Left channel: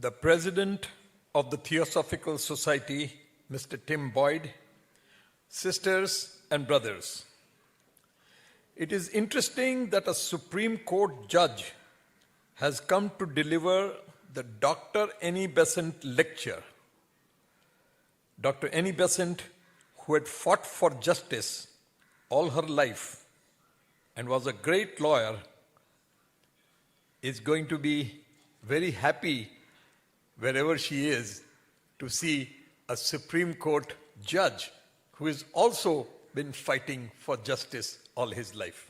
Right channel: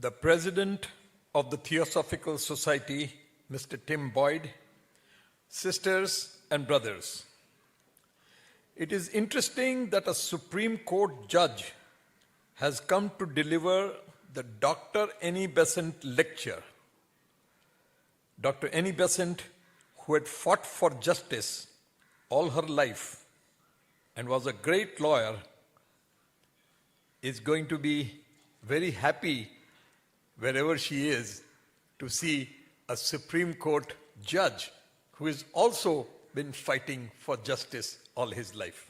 the President of the Theosophical Society, Mr. Tim Boyd, sisters and brothers. It is interesting that a Supreme Court judge has come to deliver the Dr. Annie Besant lecture. Dr. Annie Besant, who had fought for justice all her life and was a great lawyer, is going to be very happy wherever she is to see a Supreme Court judge who has also been fighting for justice all his life.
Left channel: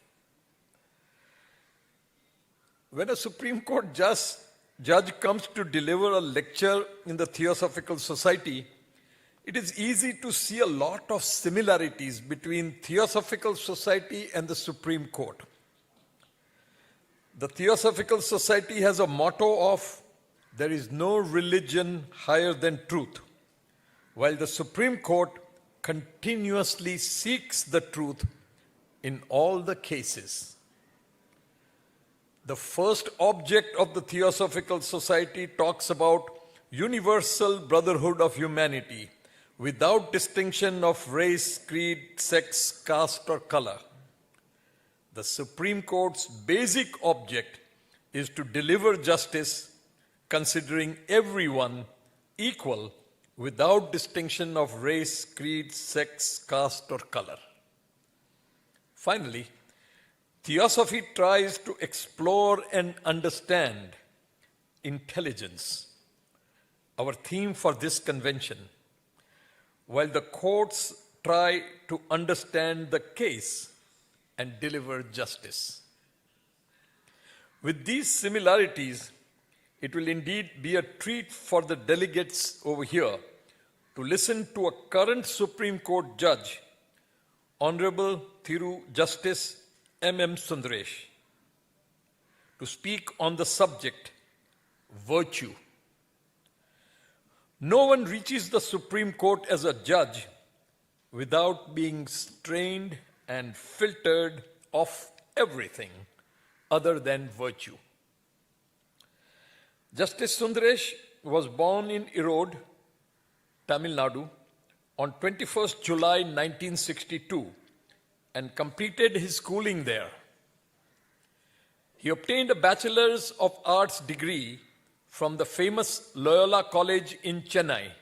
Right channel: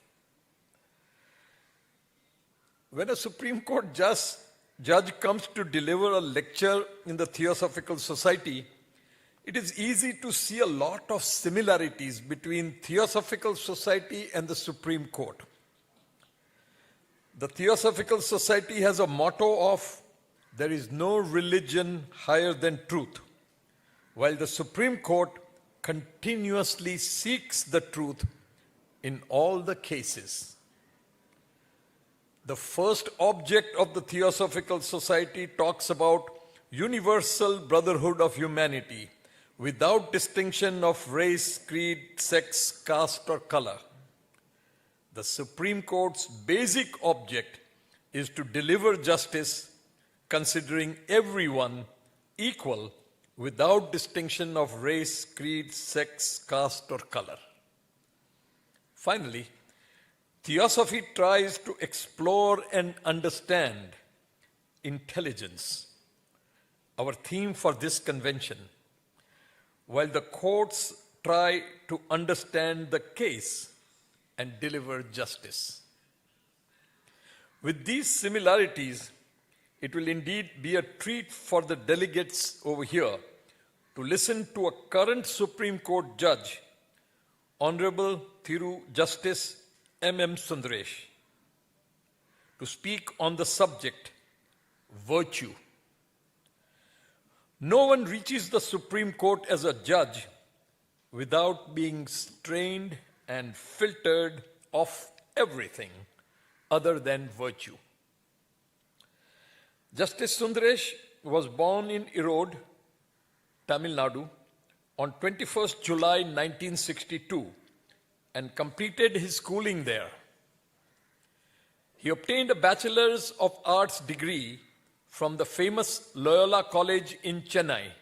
When a Supreme Court judge comes to deliver a lecture in the Theosophical Society, it is easy to see a lot of similarities between Theosophical Society and the Supreme Court. The Theosophical Society has a motto of, "There is no religion higher than truth," while the Supreme Court continuously seeks the truth in all the cases. The first object of the Theosophical Society talks about universal brotherhood of humanity without distinction of race, creed, sex, caste, or color. The Supreme Court's basic object is to deliver justice considering everyone equal without distinction of race, creed, sex, caste, or color. Finally, Theosophy tries to explore and understand intelligence, our theme for this convention, while the courts try to understand the case and deliver justice. With these similarities, it will indeed be a treat for the delegates over here to listen to a current Supreme Court judge, Honorable Thiru Justice M.M. Sundresh, to speak on the subject, virtue. No one reaches the Supreme Court as a judge without being strained and filtered of everything other than virtue. Justice Sundresh was born in Erode, Tamil Nadu, on 21st July 1962 and completed his schooling there. He obtained a Bachelor's of Arts degree from the famous Loyola College in Chennai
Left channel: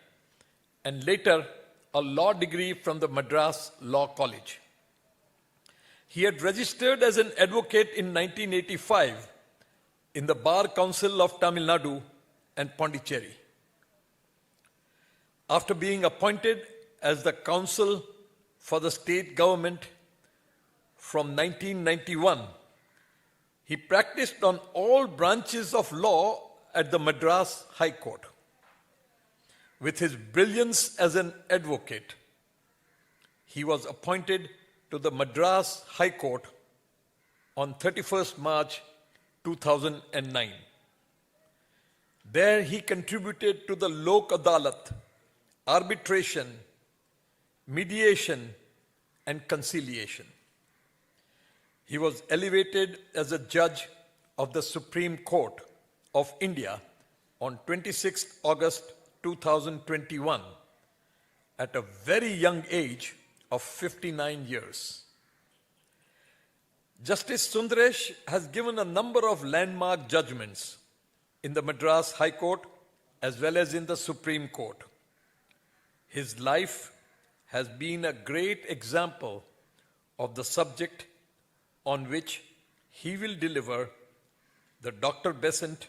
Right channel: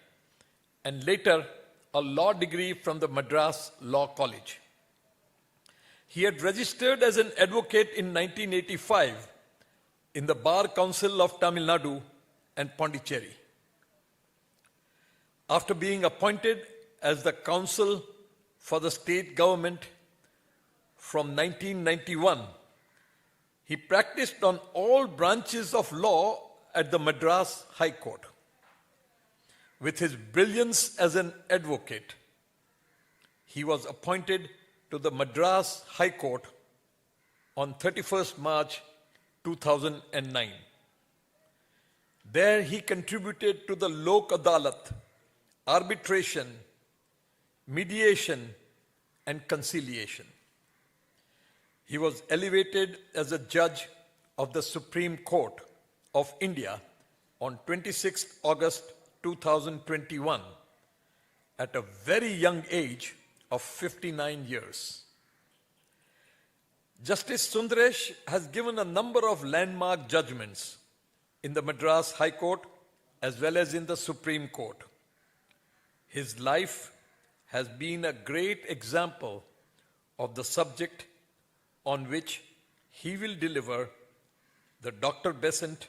and later a law degree from the Madras Law College. He had registered as an advocate in 1985 in the Bar Council of Tamil Nadu and Pondicherry. After being appointed as the counsel for the state government from 1991, he practiced on all branches of law at the Madras High Court. With his brilliance as an advocate, he was appointed to the Madras High Court on 31st March 2009. There he contributed to the Lok Adalat, arbitration, mediation, and conciliation. He was elevated as a judge of the Supreme Court of India on 26 August 2021 at a very young age of 59 years. Justice Sundresh has given a number of landmark judgments in the Madras High Court as well as in the Supreme Court. His life has been a great example of the subject on which he will deliver the Dr. Besant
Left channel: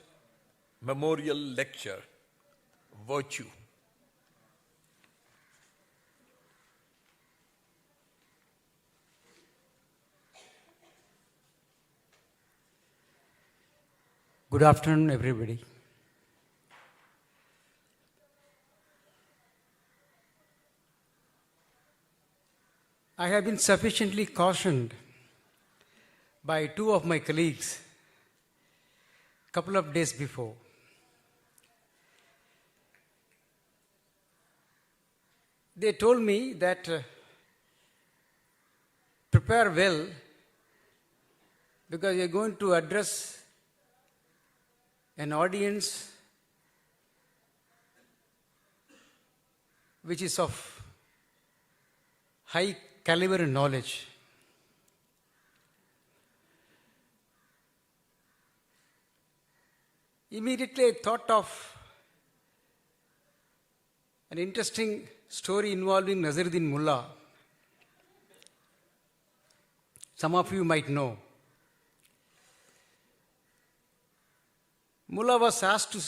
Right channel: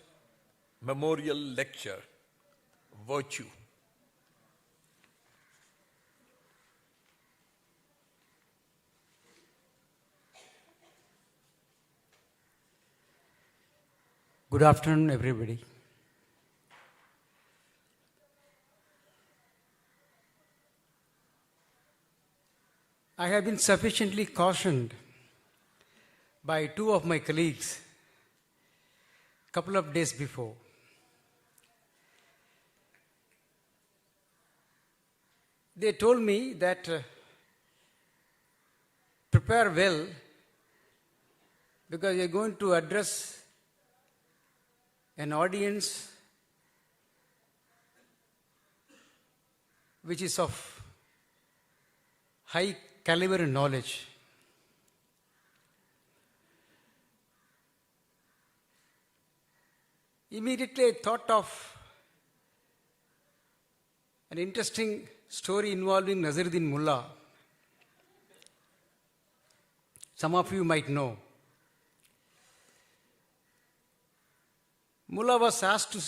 Memorial Lecture, Virtue. Good afternoon, everybody. I have been sufficiently cautioned by two of my colleagues a couple of days before. They told me that prepare well because you're going to address an audience which is of high caliber and knowledge. Immediately I thought of an interesting story involving Nazaruddin Mullah. Some of you might know. Mullah was asked to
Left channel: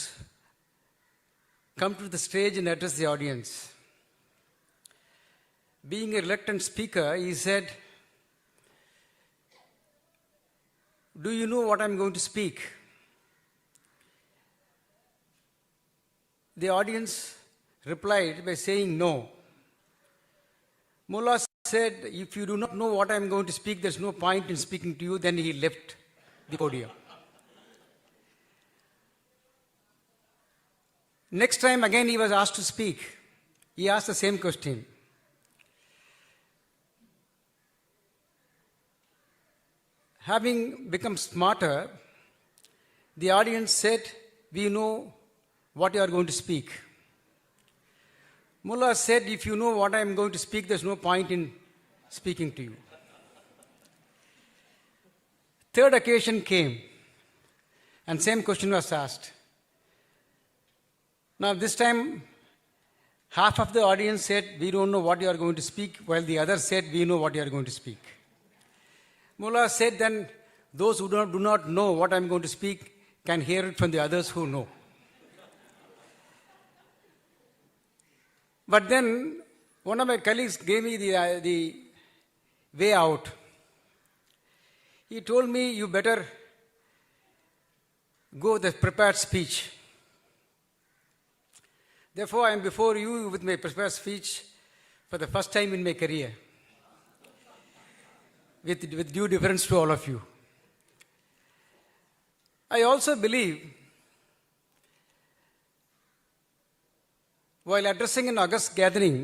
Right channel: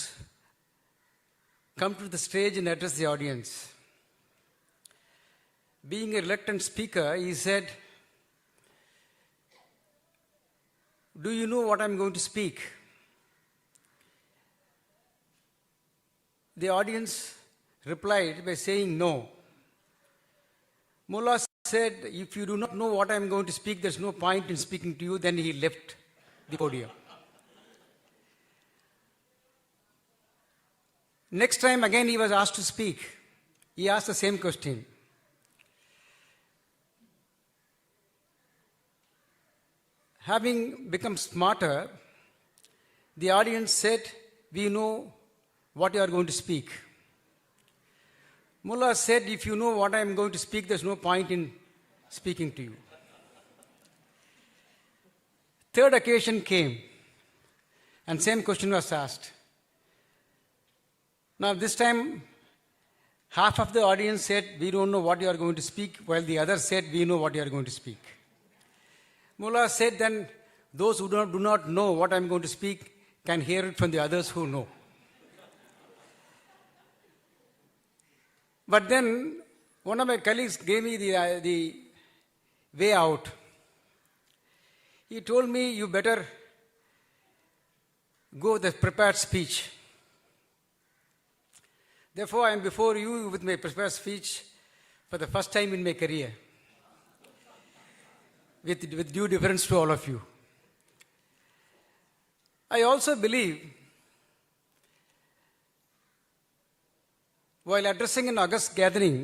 come to the stage and address the audience. Being a reluctant speaker, he said, "Do you know what I'm going to speak?" The audience replied by saying no. Mullah said, "If you do not know what I'm going to speak, there's no point in speaking to you." Then he left the podium. Next time again he was asked to speak. He asked the same question. Having become smarter, the audience said, "We know what you are going to speak." Mullah said, "If you know what I am going to speak, there's no point in speaking to you." Third occasion came, and same question was asked. Now this time, half of the audience said, "We don't know what you are going to speak," while the others said, "We know what you are going to speak." Mullah said, "Then those who do not know what I am going to speak can hear it from the others who know." But then one of my colleagues gave me the way out. He told me, "You better go with a prepared speech." Therefore, I am before you with my prepared speech for the first time in my career, with due deference to all of you. I also believe, while addressing an august gathering,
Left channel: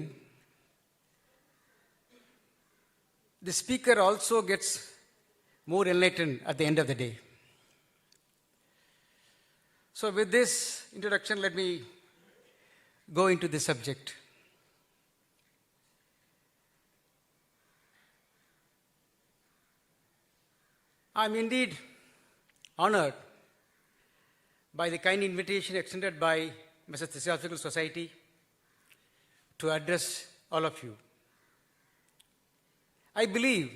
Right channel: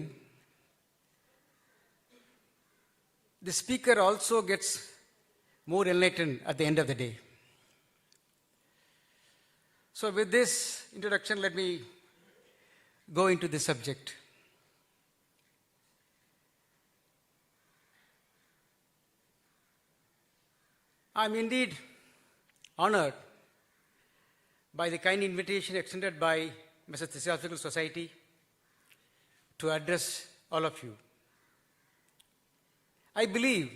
the speaker also gets more enlightened at the end of the day. So with this introduction, let me go into the subject. I am indeed honored by the kind invitation extended by Mrs. Theosophical Society to address all of you. I believe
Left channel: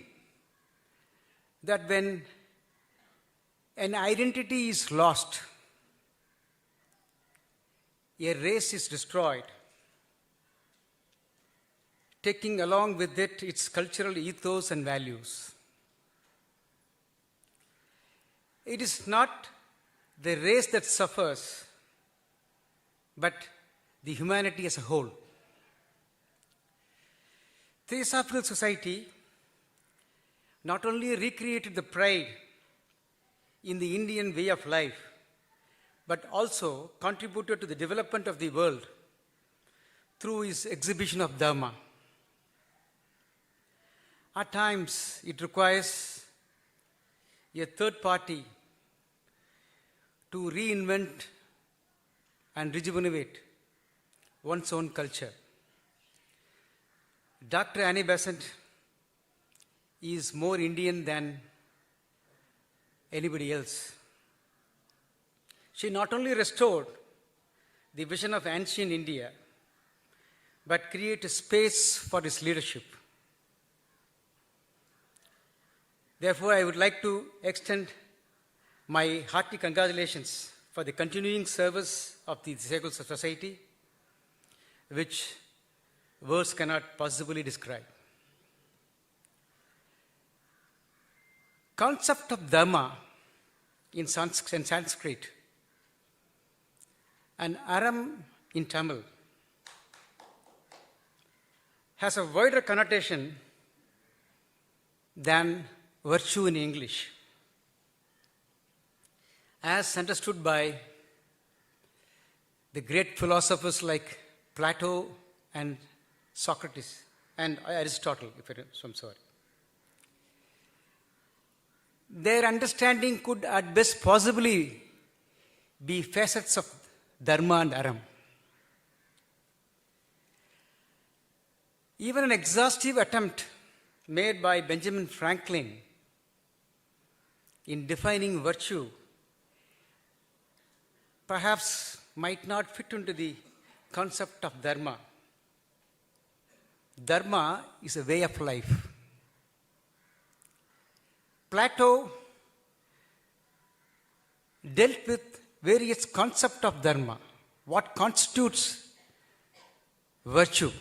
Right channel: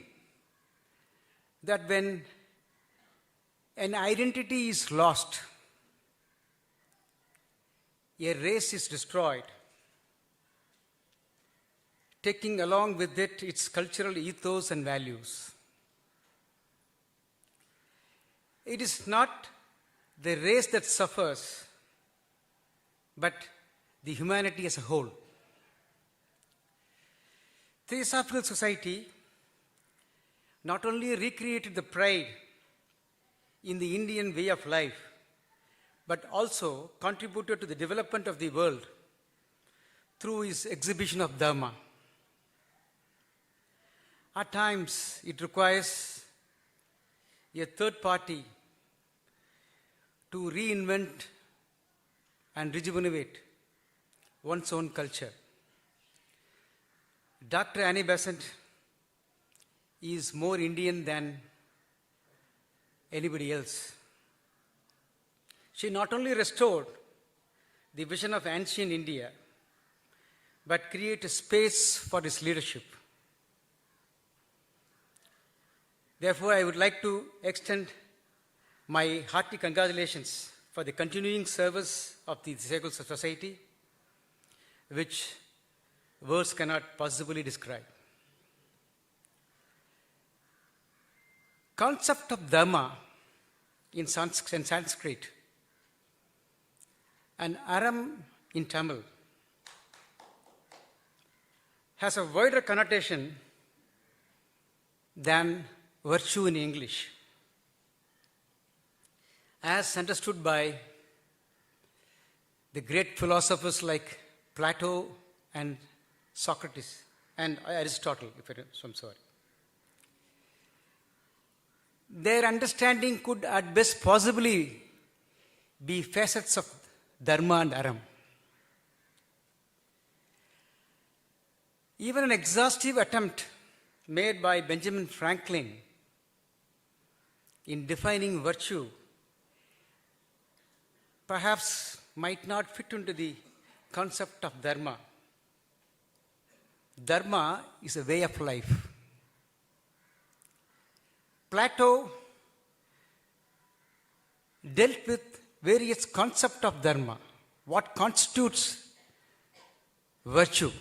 that when an identity is lost, a race is destroyed, taking along with it its cultural ethos and values. It is not the race that suffers, but the humanity as a whole. Theosophical Society not only recreated the pride in the Indian way of life, but also contributed to the development of the world through its exhibition of Dharma. At times, it requires a third party to reinvent and rejuvenate one's own culture. Dr. Annie Besant is more Indian than anybody else. She not only restored the vision of ancient India, but created space for its leadership. Therefore, I would like to extend my hearty congratulations for the continuing service of the Theosophical Society, which words cannot possibly describe. Concept of Dharma in Sanskrit and Aram in Tamil has a wider connotation than virtue in English, as understood by the great philosophers like Plato and Socrates and Aristotle, I'm sorry. Their understanding could at best possibly be facets of Dharma and Aram. Even an exhaustive attempt made by Benjamin Franklin in defining virtue perhaps might not fit into the concept of dharma. Dharma is a way of life. Plato dealt with various concepts of dharma, what constitutes virtue.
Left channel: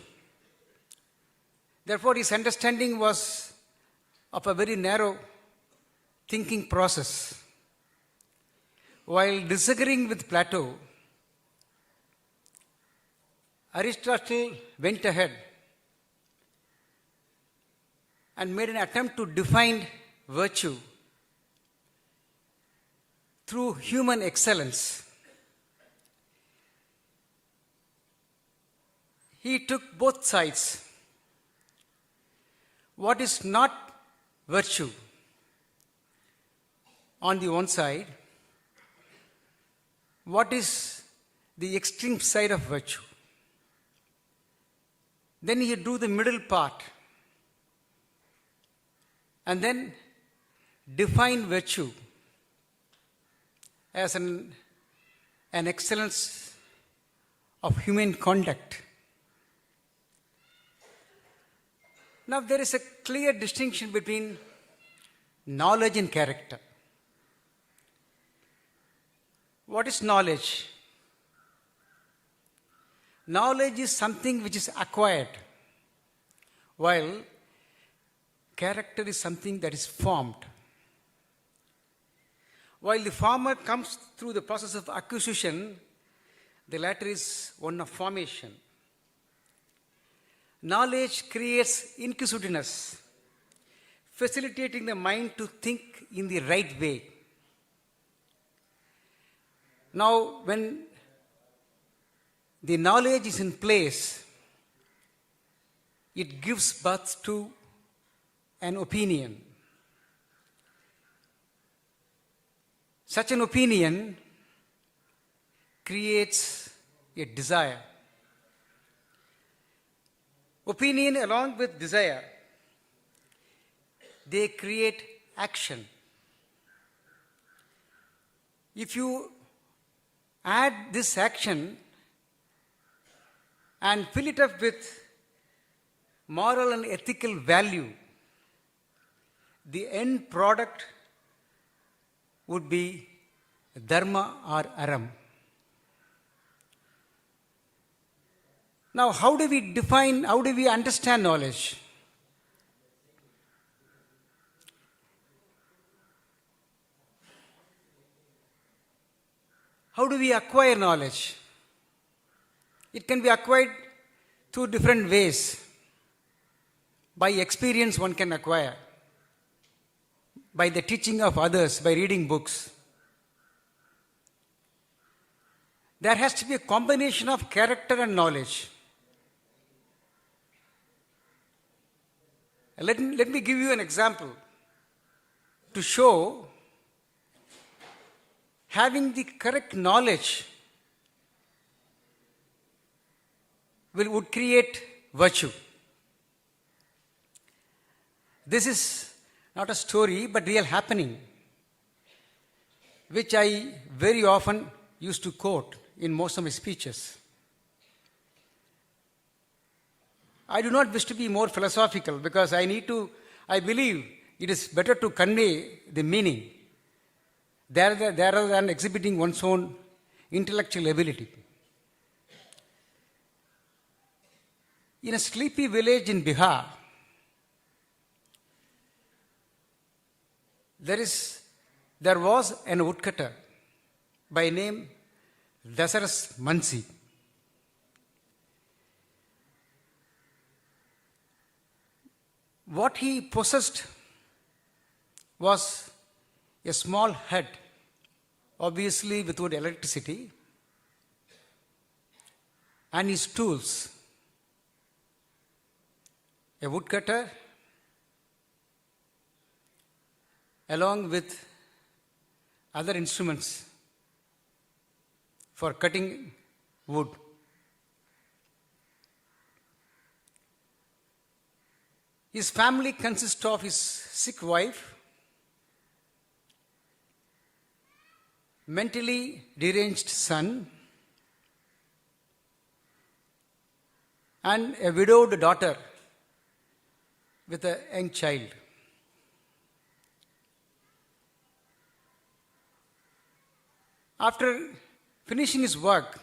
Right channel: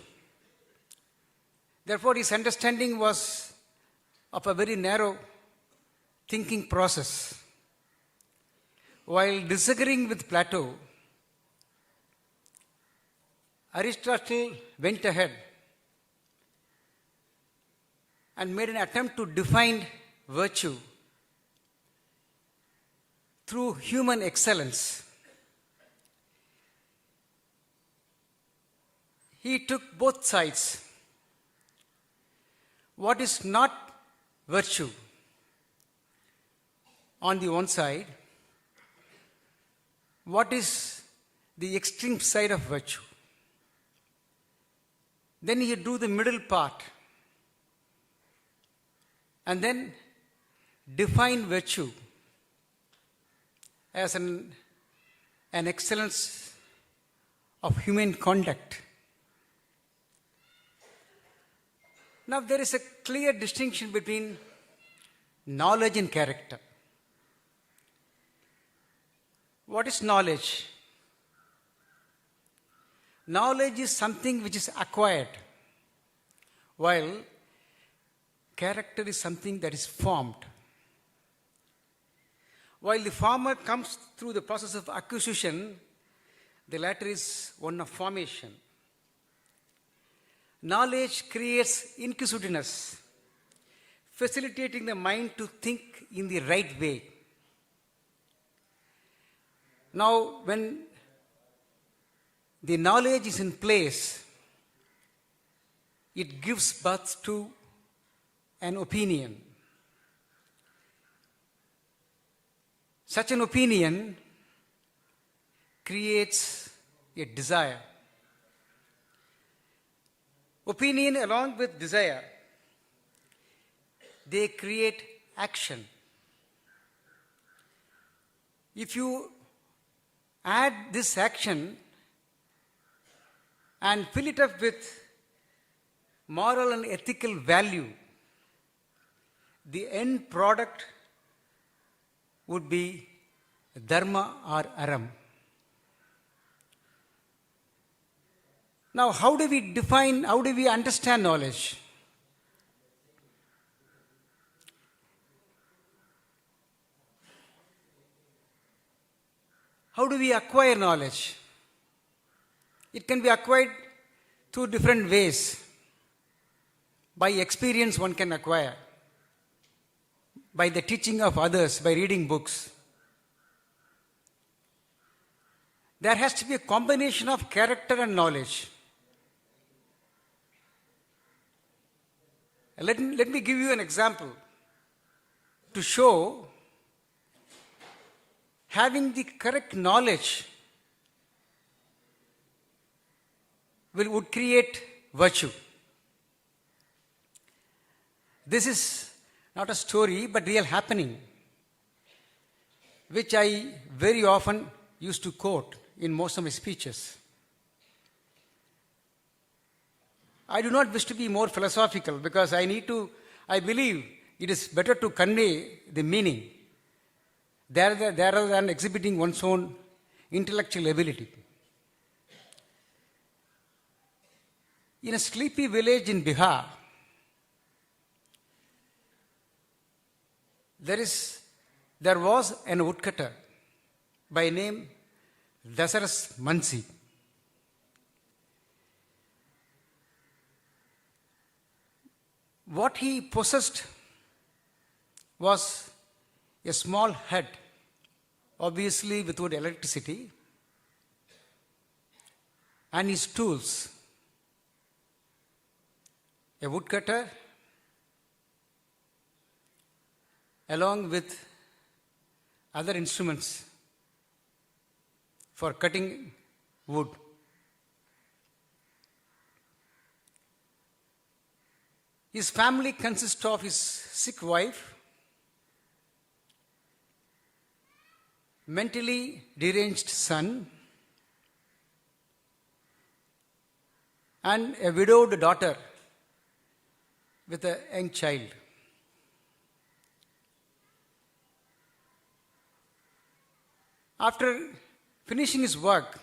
Therefore, his understanding was of a very narrow thinking process. While disagreeing with Plato, Aristotle went ahead and made an attempt to define virtue through human excellence. He took both sides. What is not virtue on the one side, what is the extreme side of virtue. Then he drew the middle part and then define virtue as an excellence of human conduct. Now, there is a clear distinction between knowledge and character. What is knowledge? Knowledge is something which is acquired, while character is something that is formed. While the former comes through the process of acquisition, the latter is one of formation. Knowledge creates inquisitiveness, facilitating the mind to think in the right way. Now, when the knowledge is in place, it gives birth to an opinion. Such an opinion creates a desire. Opinion along with desire, they create action. If you add this action and fill it up with moral and ethical value, the end product would be dharma or aram. Now, how do we understand knowledge? How do we acquire knowledge? It can be acquired through different ways. By experience, one can acquire. By the teaching of others, by reading books. There has to be a combination of character and knowledge. Let me give you an example to show having the correct knowledge would create virtue. This is not a story, but real happening, which I very often used to quote in most of my speeches. I do not wish to be more philosophical because I believe it is better to convey the meaning rather than exhibiting one's own intellectual ability. In a sleepy village in Bihar, there was an woodcutter by name Dasaras Mansi. What he possessed was a small hut, obviously without electricity, and his tools, a woodcutter along with other instruments for cutting wood. His family consists of his sick wife, mentally deranged son, and a widowed daughter with a young child. After finishing his work,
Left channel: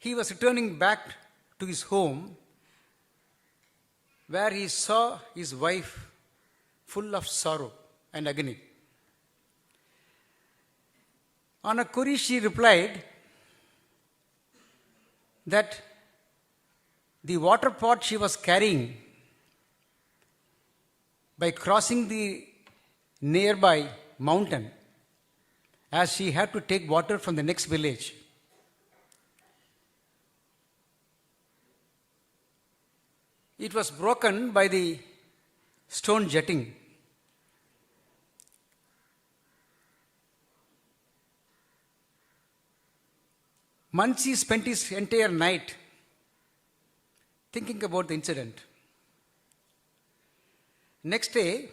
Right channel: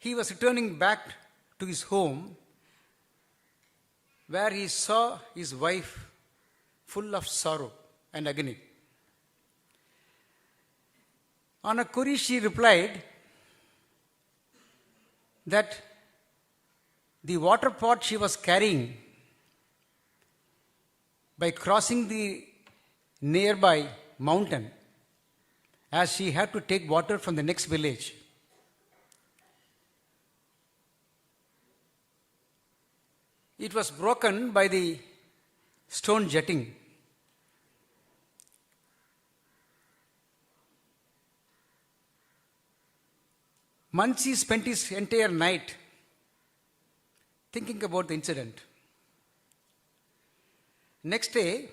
he was returning back to his home where he saw his wife full of sorrow and agony. On a query, she replied that the water pot she was carrying, by crossing the nearby mountain, as she had to take water from the next village, it was broken by the stone jetting. Mansi spent his entire night thinking about the incident. Next day,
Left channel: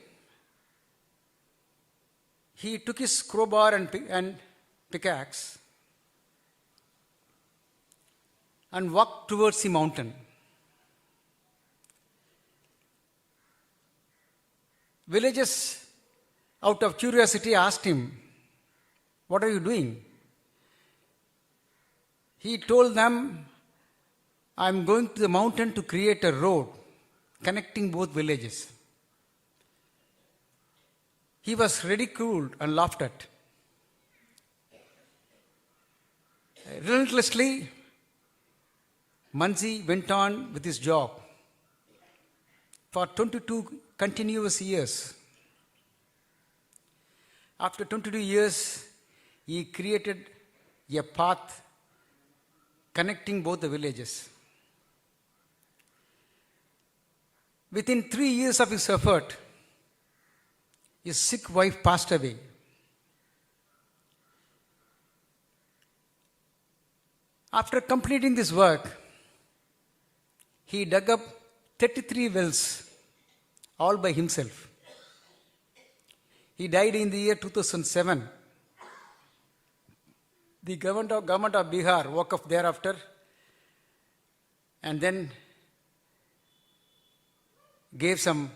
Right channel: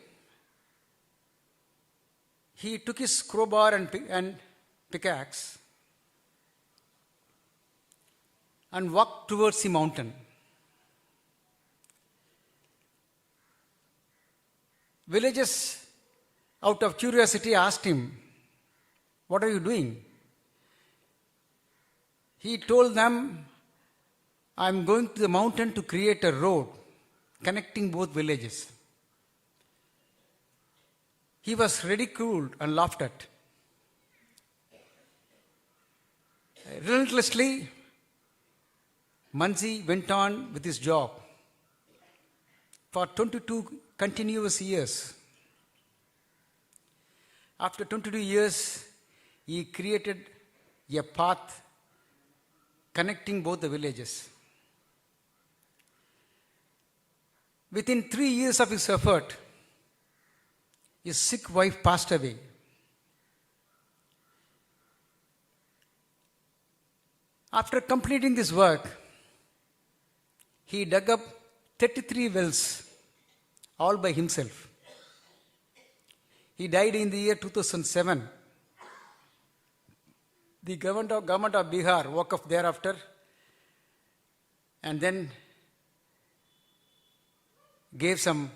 he took his crowbar and pickaxe and walked towards the mountain. Villagers, out of curiosity, asked him, "What are you doing?" He told them, "I'm going to the mountain to create a road connecting both villages." He was ridiculed and laughed at. Relentlessly, Mansi went on with his job for 22 continuous years. After 22 years, he created a path connecting both the villages. Within 3 years of his effort, his sick wife passed away. After completing this work, he dug up 33 wells, all by himself. He died in the year 2007. The government of Bihar woke up thereafter and then gave some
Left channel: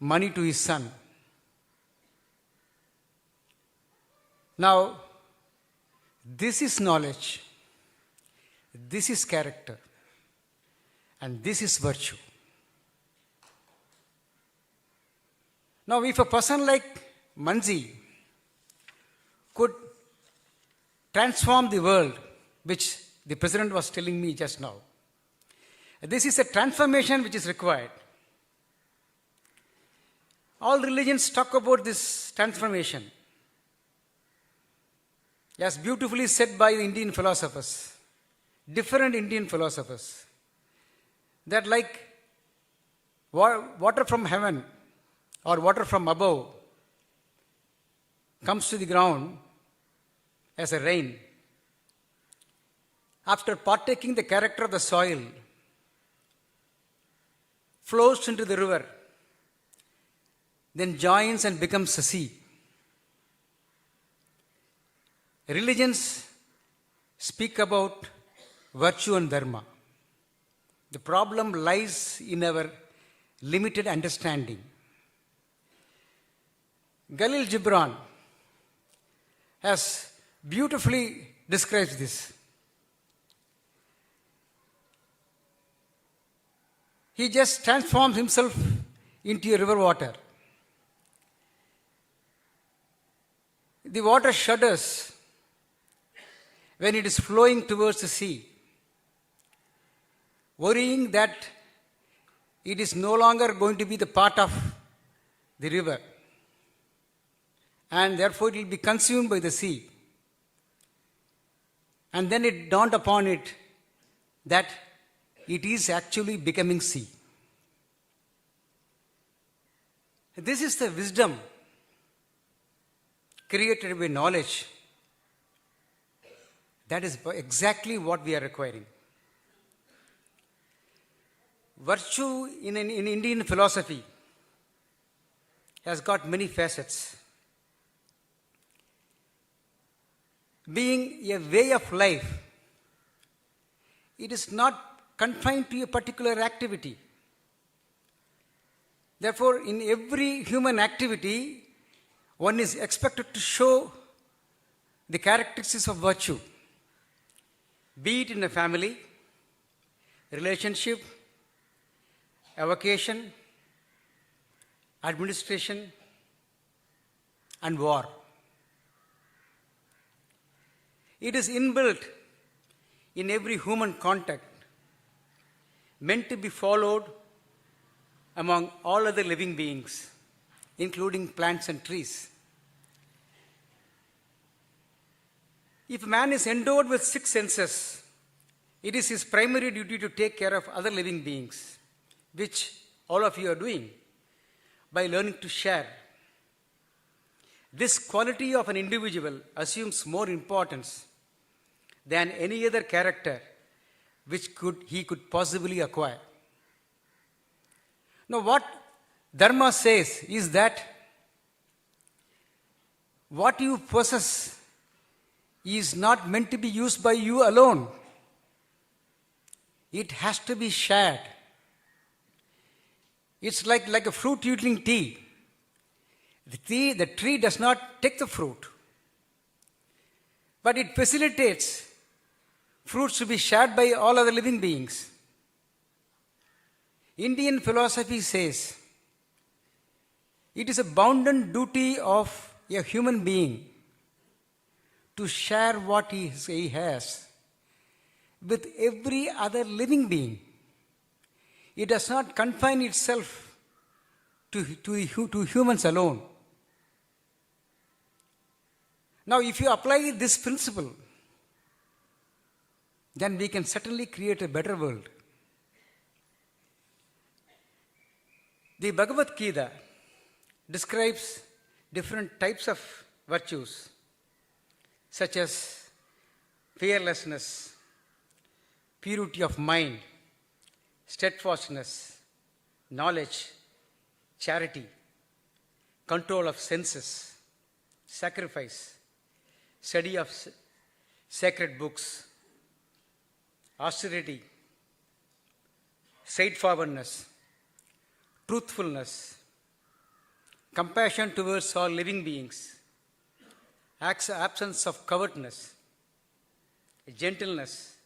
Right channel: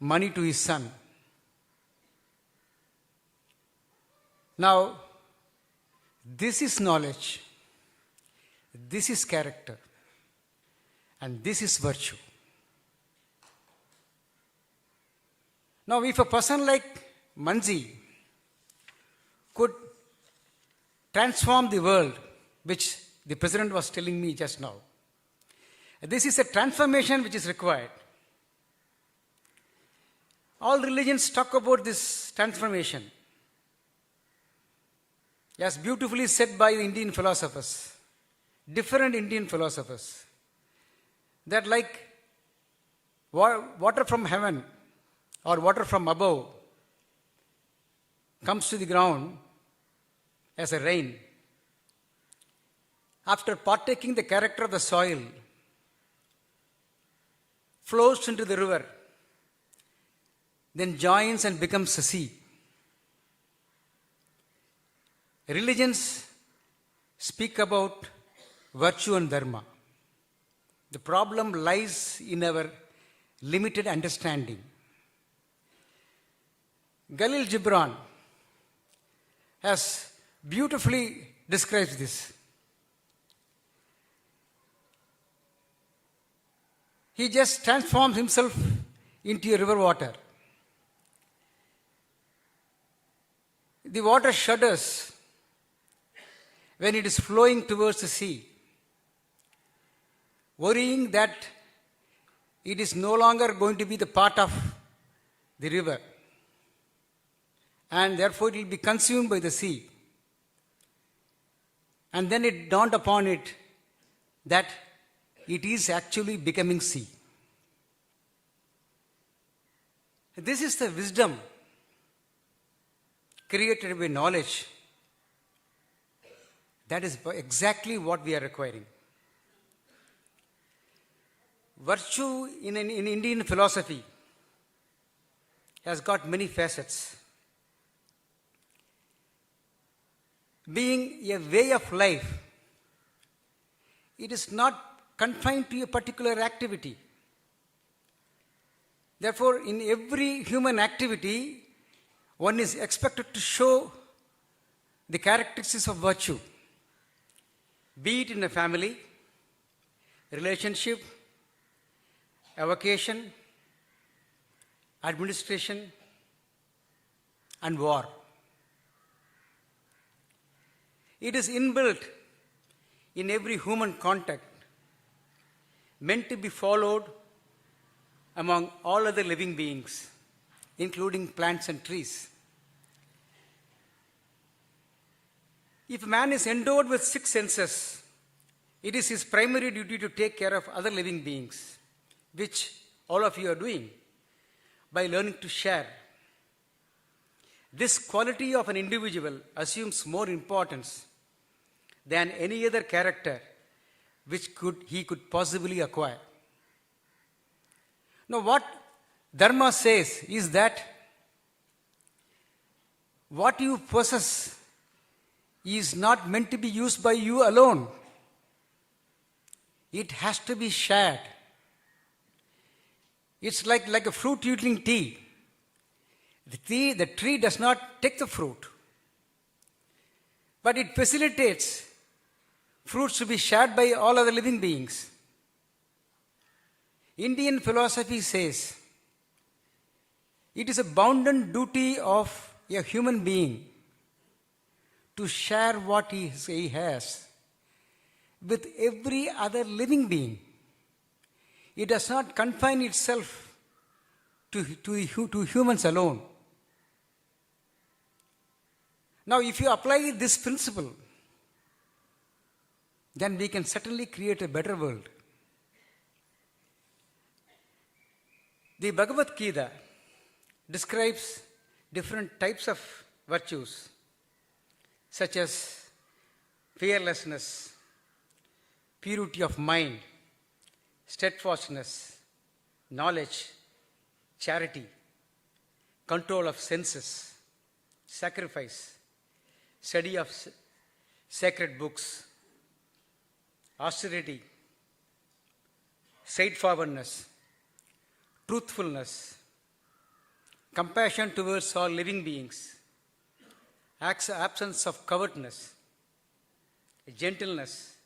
money to his son. Now, this is knowledge, this is character, and this is virtue. Now, if a person like Mansi could transform the world, which the President was telling me just now, this is a transformation which is required. All religions talk about this transformation, as beautifully said by the Indian philosophers, different Indian philosophers, that like water from heaven or water from above comes to the ground as a rain. After partaking the character of the soil, flows into the river, then joins and becomes a sea. Religions speak about virtue and dharma. The problem lies in our limited understanding. Khalil Gibran has beautifully described this. He just transforms himself into a river water. The water shudders when it is flowing towards the sea, worrying that it is no longer going to be the part of the river, and therefore it will be consumed by the sea. And then it dawned upon it that it is actually becoming sea. This is the wisdom created by knowledge. That is exactly what we are requiring. Virtue in Indian philosophy has got many facets. Being a way of life, it is not confined to a particular activity. Therefore, in every human activity, one is expected to show the characteristics of virtue, be it in a family, relationship, a vocation, administration, and war. It is inbuilt in every human contact, meant to be followed among all other living beings, including plants and trees. If man is endowed with 6 senses, it is his primary duty to take care of other living beings, which all of you are doing by learning to share. This quality of an individual assumes more importance than any other character which he could possibly acquire. Now, what Dharma says is that what you possess is not meant to be used by you alone. It has to be shared. It's like a fruit yielding tea. The tree does not take the fruit, but it facilitates fruits to be shared by all other living beings. Indian philosophy says it is a bounden duty of a human being to share what he has with every other living being. It does not confine itself to humans alone. Now, if you apply this principle, then we can certainly create a better world. The Bhagavad Gita describes different types of virtues, such as fearlessness, purity of mind, steadfastness, knowledge, charity, control of senses, sacrifice, study of sacred books, austerity, straightforwardness, truthfulness, compassion towards all living beings, absence of covetousness, gentleness,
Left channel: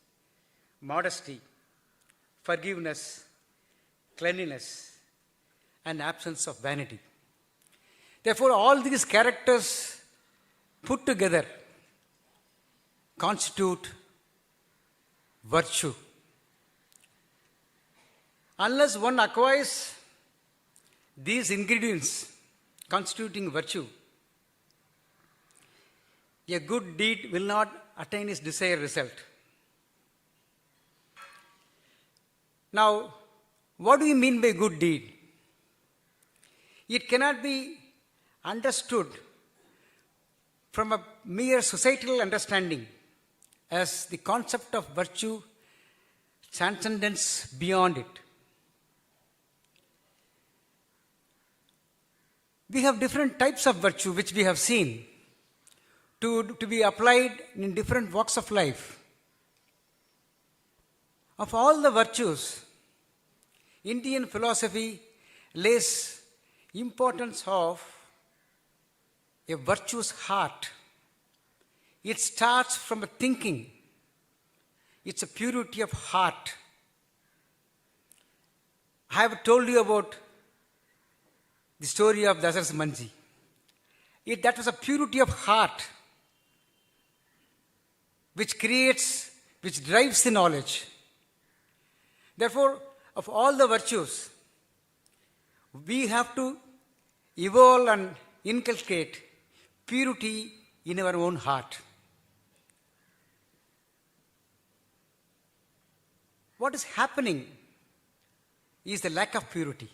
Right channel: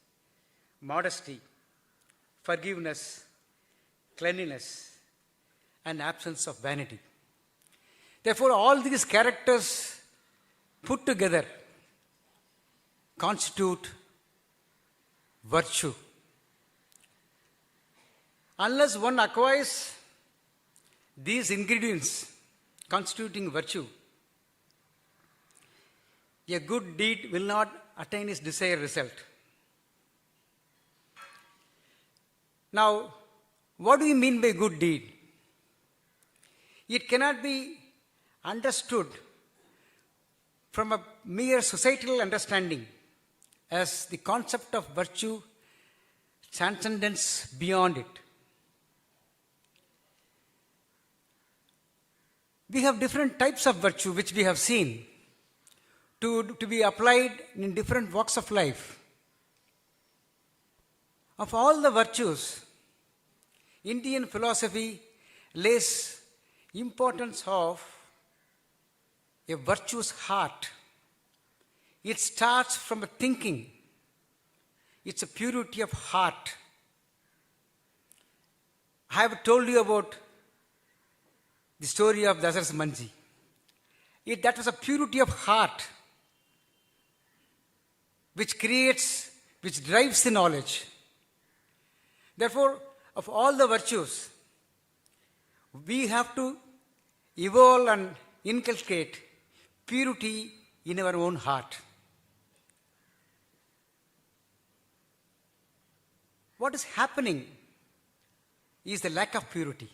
modesty, forgiveness, cleanliness, and absence of vanity. Therefore, all these characters put together constitute virtue. Unless one acquires these ingredients constituting virtue, a good deed will not attain its desired result. Now, what do you mean by good deed? It cannot be understood from a mere societal understanding, as the concept of virtue transcends beyond it. We have different types of virtue which we have seen to be applied in different walks of life. Of all the virtues, Indian philosophy lays importance of a virtuous heart. It starts from a thinking. It's a purity of heart. I have told you about the story of Dasarath Manji. That was a purity of heart which drives the knowledge. Therefore, of all the virtues, we have to evolve and inculcate purity in our own heart. What is happening is the lack of purity.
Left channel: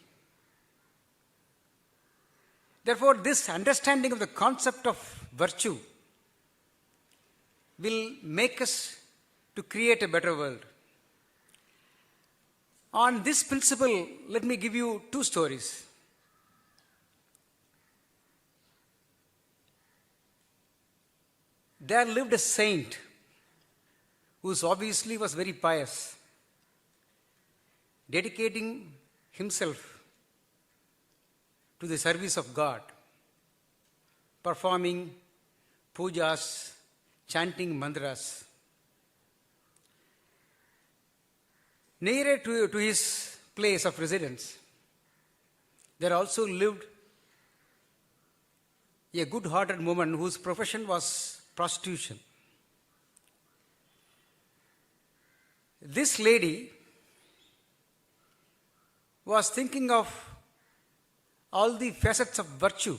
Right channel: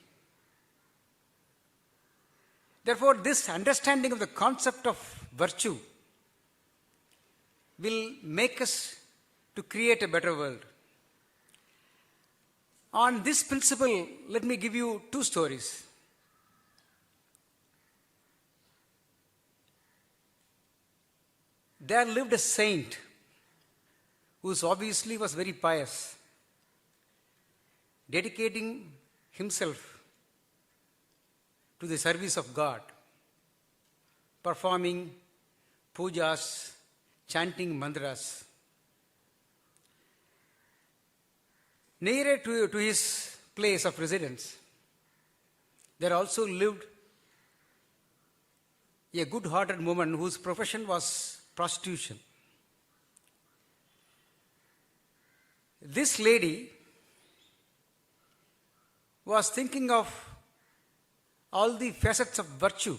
Therefore, this understanding of the concept of virtue will make us to create a better world. On this principle, let me give you two stories. There lived a saint who obviously was very pious, dedicating himself to the service of God, performing pujas, chanting mantras. Nearer to his place of residence, there also lived a good-hearted woman whose profession was prostitution. This lady was thinking of all the facets of virtue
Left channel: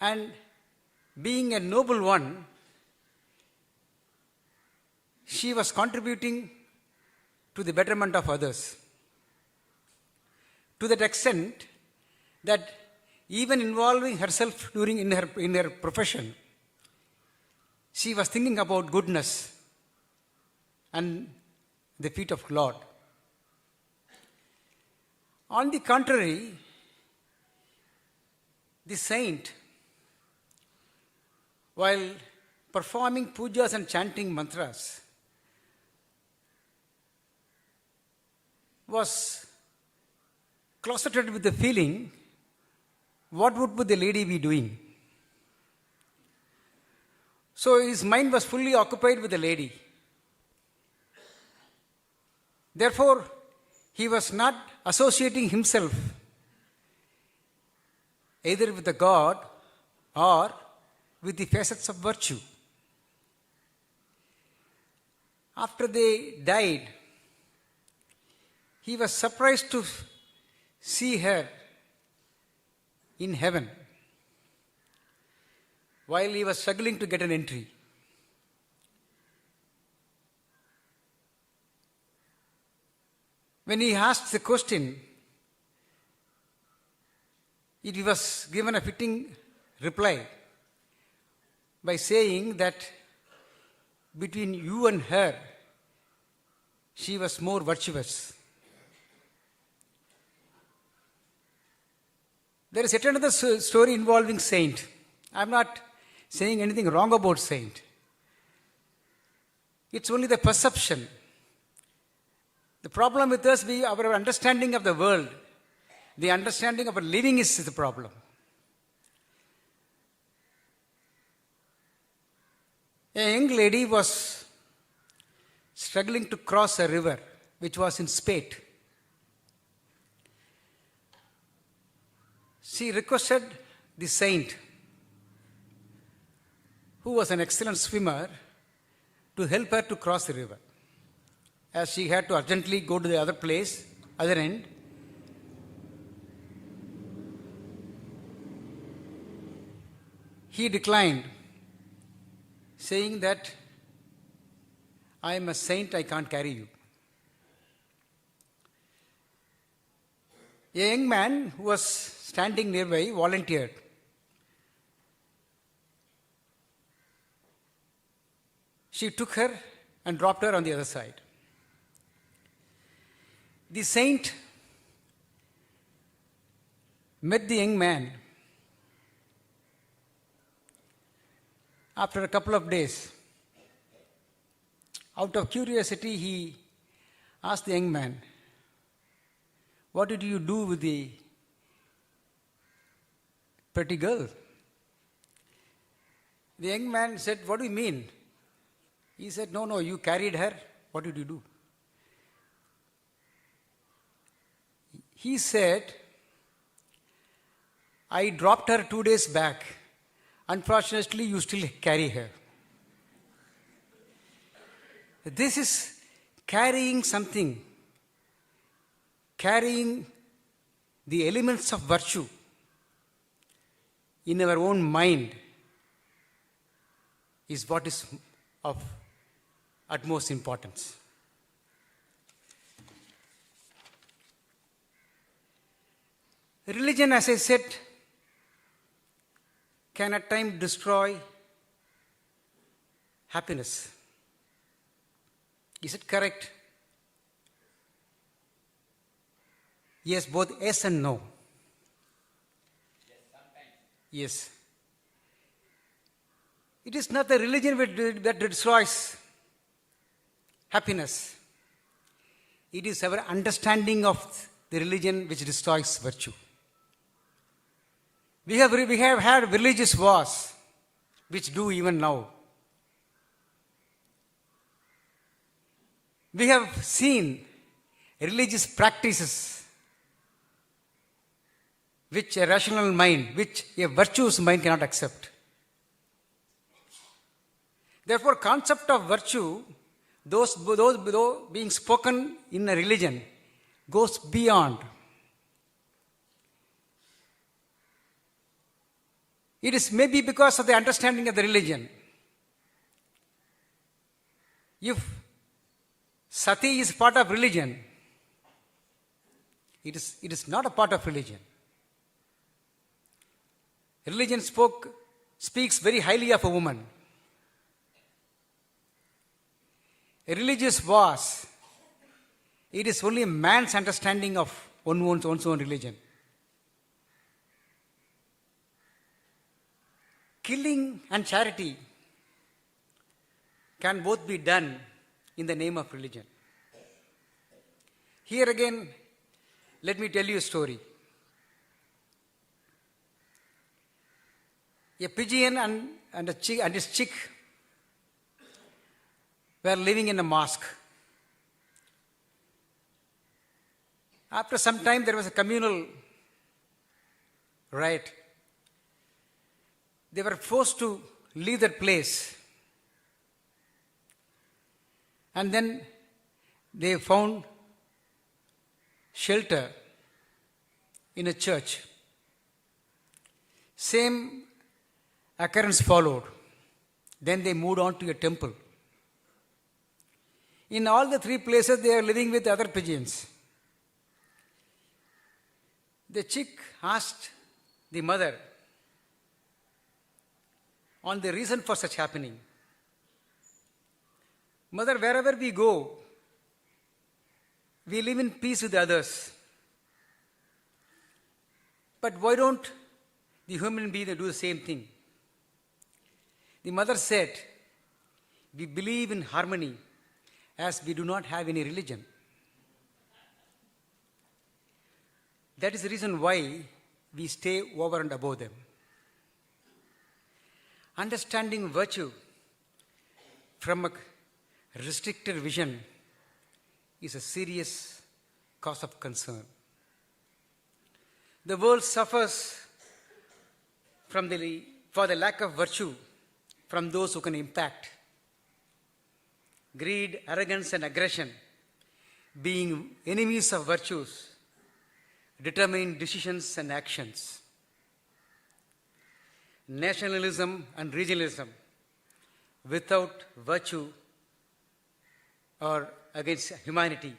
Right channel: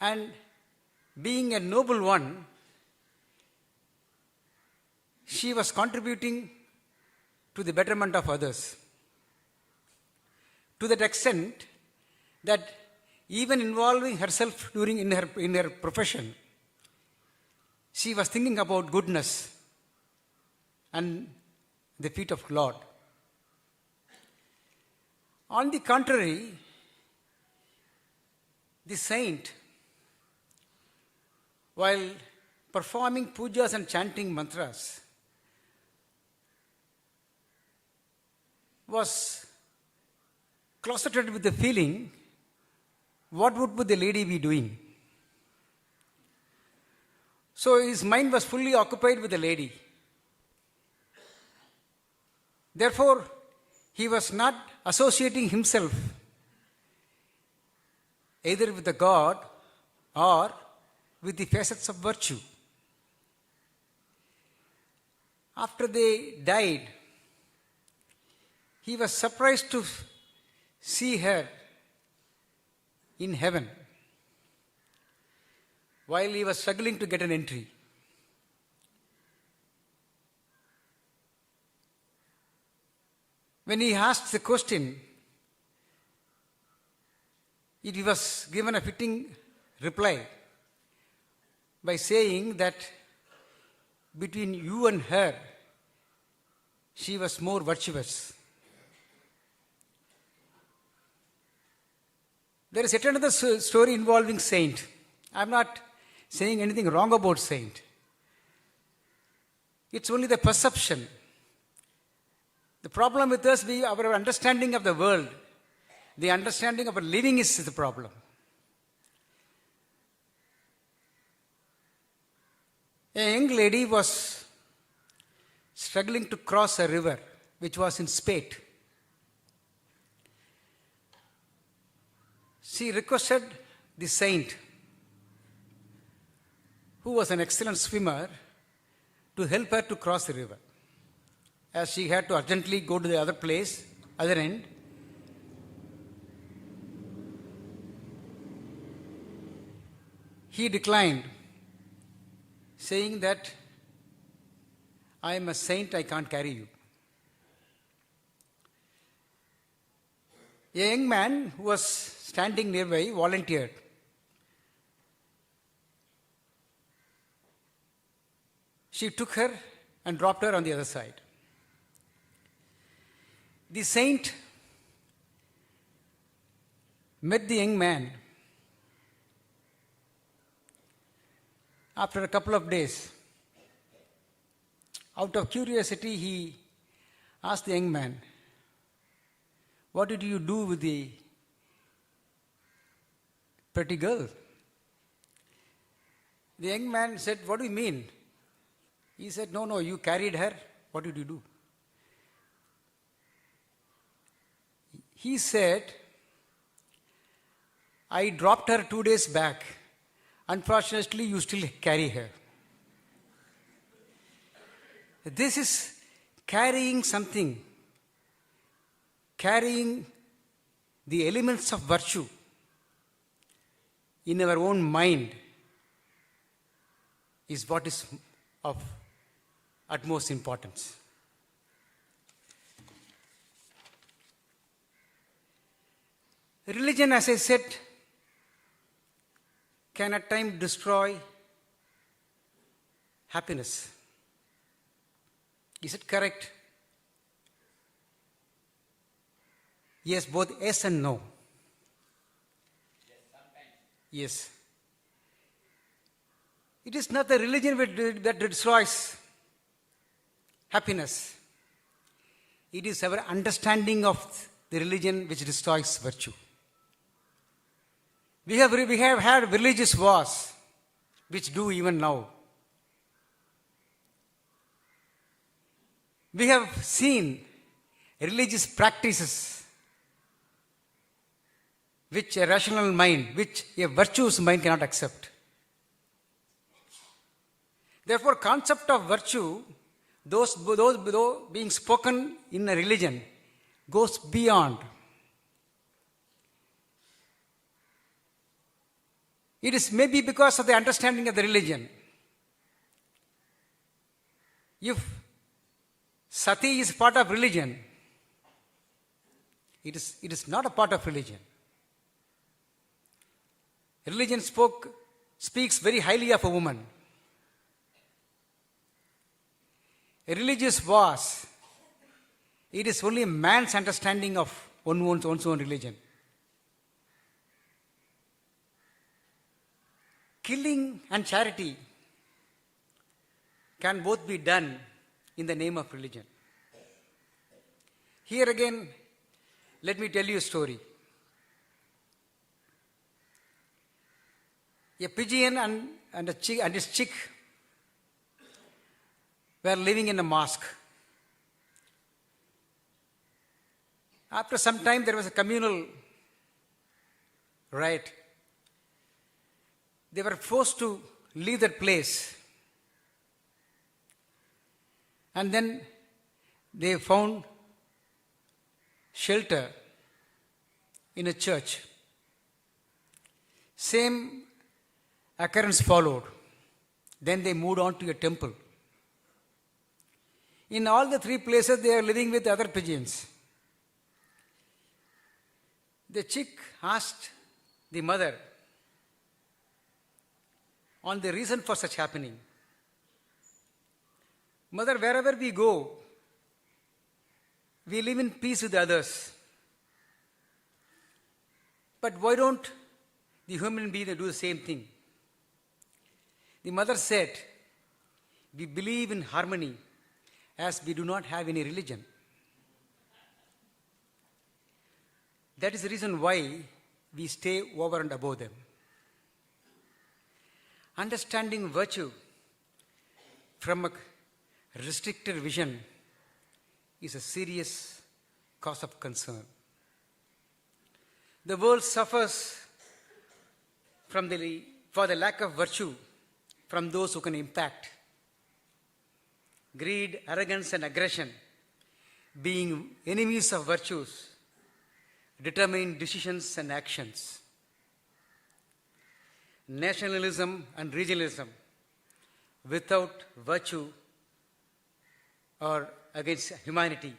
and being a noble one, she was contributing to the betterment of others to that extent that even involving herself in her profession, she was thinking about goodness and the feet of Lord. On the contrary, the saint, while performing pujas and chanting mantras, was closeted with the feeling, what would the lady be doing? So his mind was fully occupied with the lady. Therefore, he was not associating himself either with the God or with the facets of virtue. After they died, he was surprised to see her in heaven while he was struggling to get an entry. When he asked the question, he was given a fitting reply by saying that between you and her, she was more virtuous. There is yet another story involving saint. I am not saying anything wrong about saint. It's only the perception. The problem with us, our understanding of the world, the understanding of our living is the problem. A young lady was struggling to cross a river which was in spate. She requested the saint, who was an excellent swimmer, to help her to cross the river, as she had to urgently go to the other end. He declined, saying that, I am a saint, I can't carry you. A young man who was standing nearby volunteered. She took her and dropped her on the other side. The saint met the young man after a couple of days. Out of curiosity, he asked the young man, what did you do with the pretty girl? The young man said, what do you mean? He said, no, you carried her. What did you do? He said, I dropped her 2 days back. Unfortunately, you still carry her. This is carrying something, carrying the elements of virtue in our own mind is what is of utmost importance. Religion, as I said, can at times destroy happiness. Is it correct? Yes, both yes and no. Yes. It is not the religion that destroys happiness. It is our understanding of the religion which destroys virtue. We have had religious wars, which do even now. We have seen religious practices which a rational mind, which a virtuous mind cannot accept. Therefore, concept of virtue, those being spoken in a religion, goes beyond. It is maybe because of the understanding of the religion. If sati is part of religion, it is not a part of religion. Religion speaks very highly of a woman. A religious was, it is only a man's understanding of one's own religion. Killing and charity can both be done in the name of religion. Here again, let me tell you a story. A pigeon and his chick were living in a mosque. After some time, there was a communal riot. They were forced to leave that place. And then they found shelter in a church. Same occurrence followed. Then they moved on to a temple. In all the three places, they are living with other pigeons. The chick asked the mother on the reason for such happening. Mother, wherever we go, we live in peace with others. But why don't the human beings do the same thing? The mother said, we believe in harmony as we do not have any religion. That is the reason why we stay over and above them. Understanding virtue from a restricted vision is a serious cause of concern. The world suffers for the lack of virtue from those who can impact. Greed, arrogance, and aggression, being enemies of virtues, determine decisions and actions. Nationalism and regionalism without virtue or against humanity.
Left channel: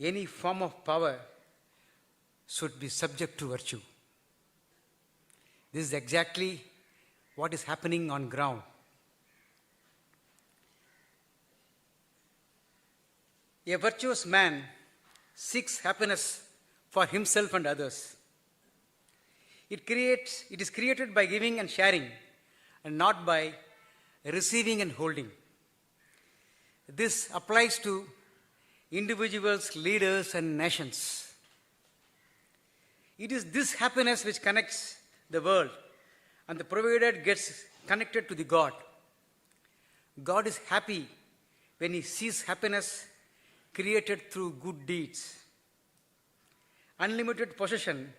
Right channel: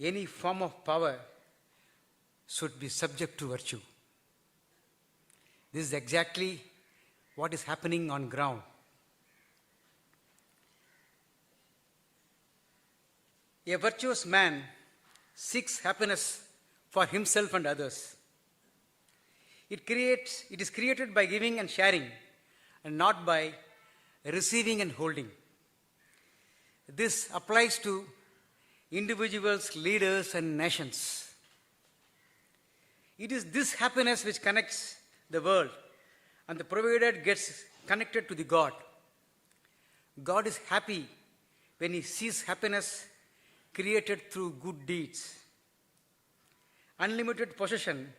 Any form of power should be subject to virtue. This is exactly what is happening on ground. A virtuous man seeks happiness for himself and others. It is created by giving and sharing, and not by receiving and holding. This applies to individuals, leaders, and nations. It is this happiness which connects the world, and the provider gets connected to the God. God is happy when he sees happiness created through good deeds. Unlimited possession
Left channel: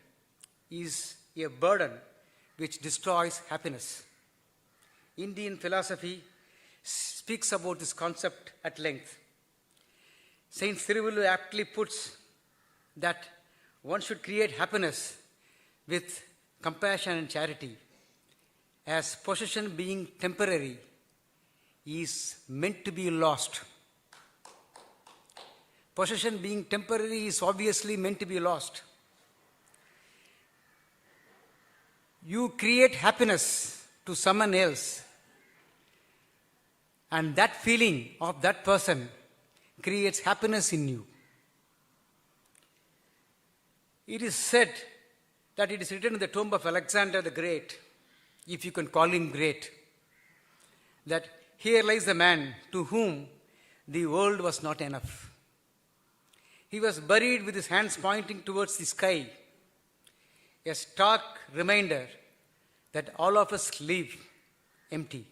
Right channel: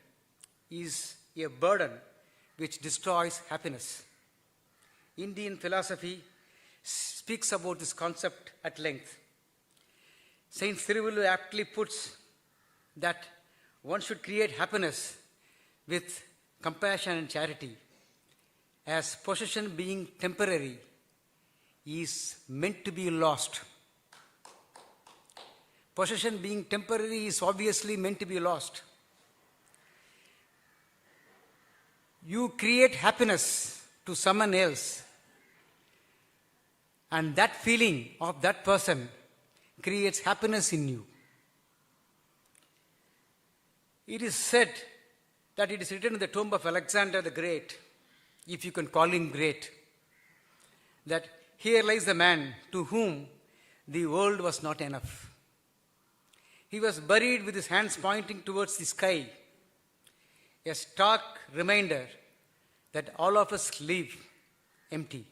is a burden which destroys happiness. Indian philosophy speaks about this concept at length. Saint Cyril aptly puts that one should create happiness with compassion and charity, as possession being temporary is meant to be lost. Possession being temporary is obviously meant to be lost. You create happiness to someone else And that feeling of that person creates happiness in you. It is said that it is written in the tomb of Alexander the Great, if you can call him great, that here lies the man to whom the world was not enough. He was buried with his hands pointing towards the sky, a stark reminder that all of us live empty.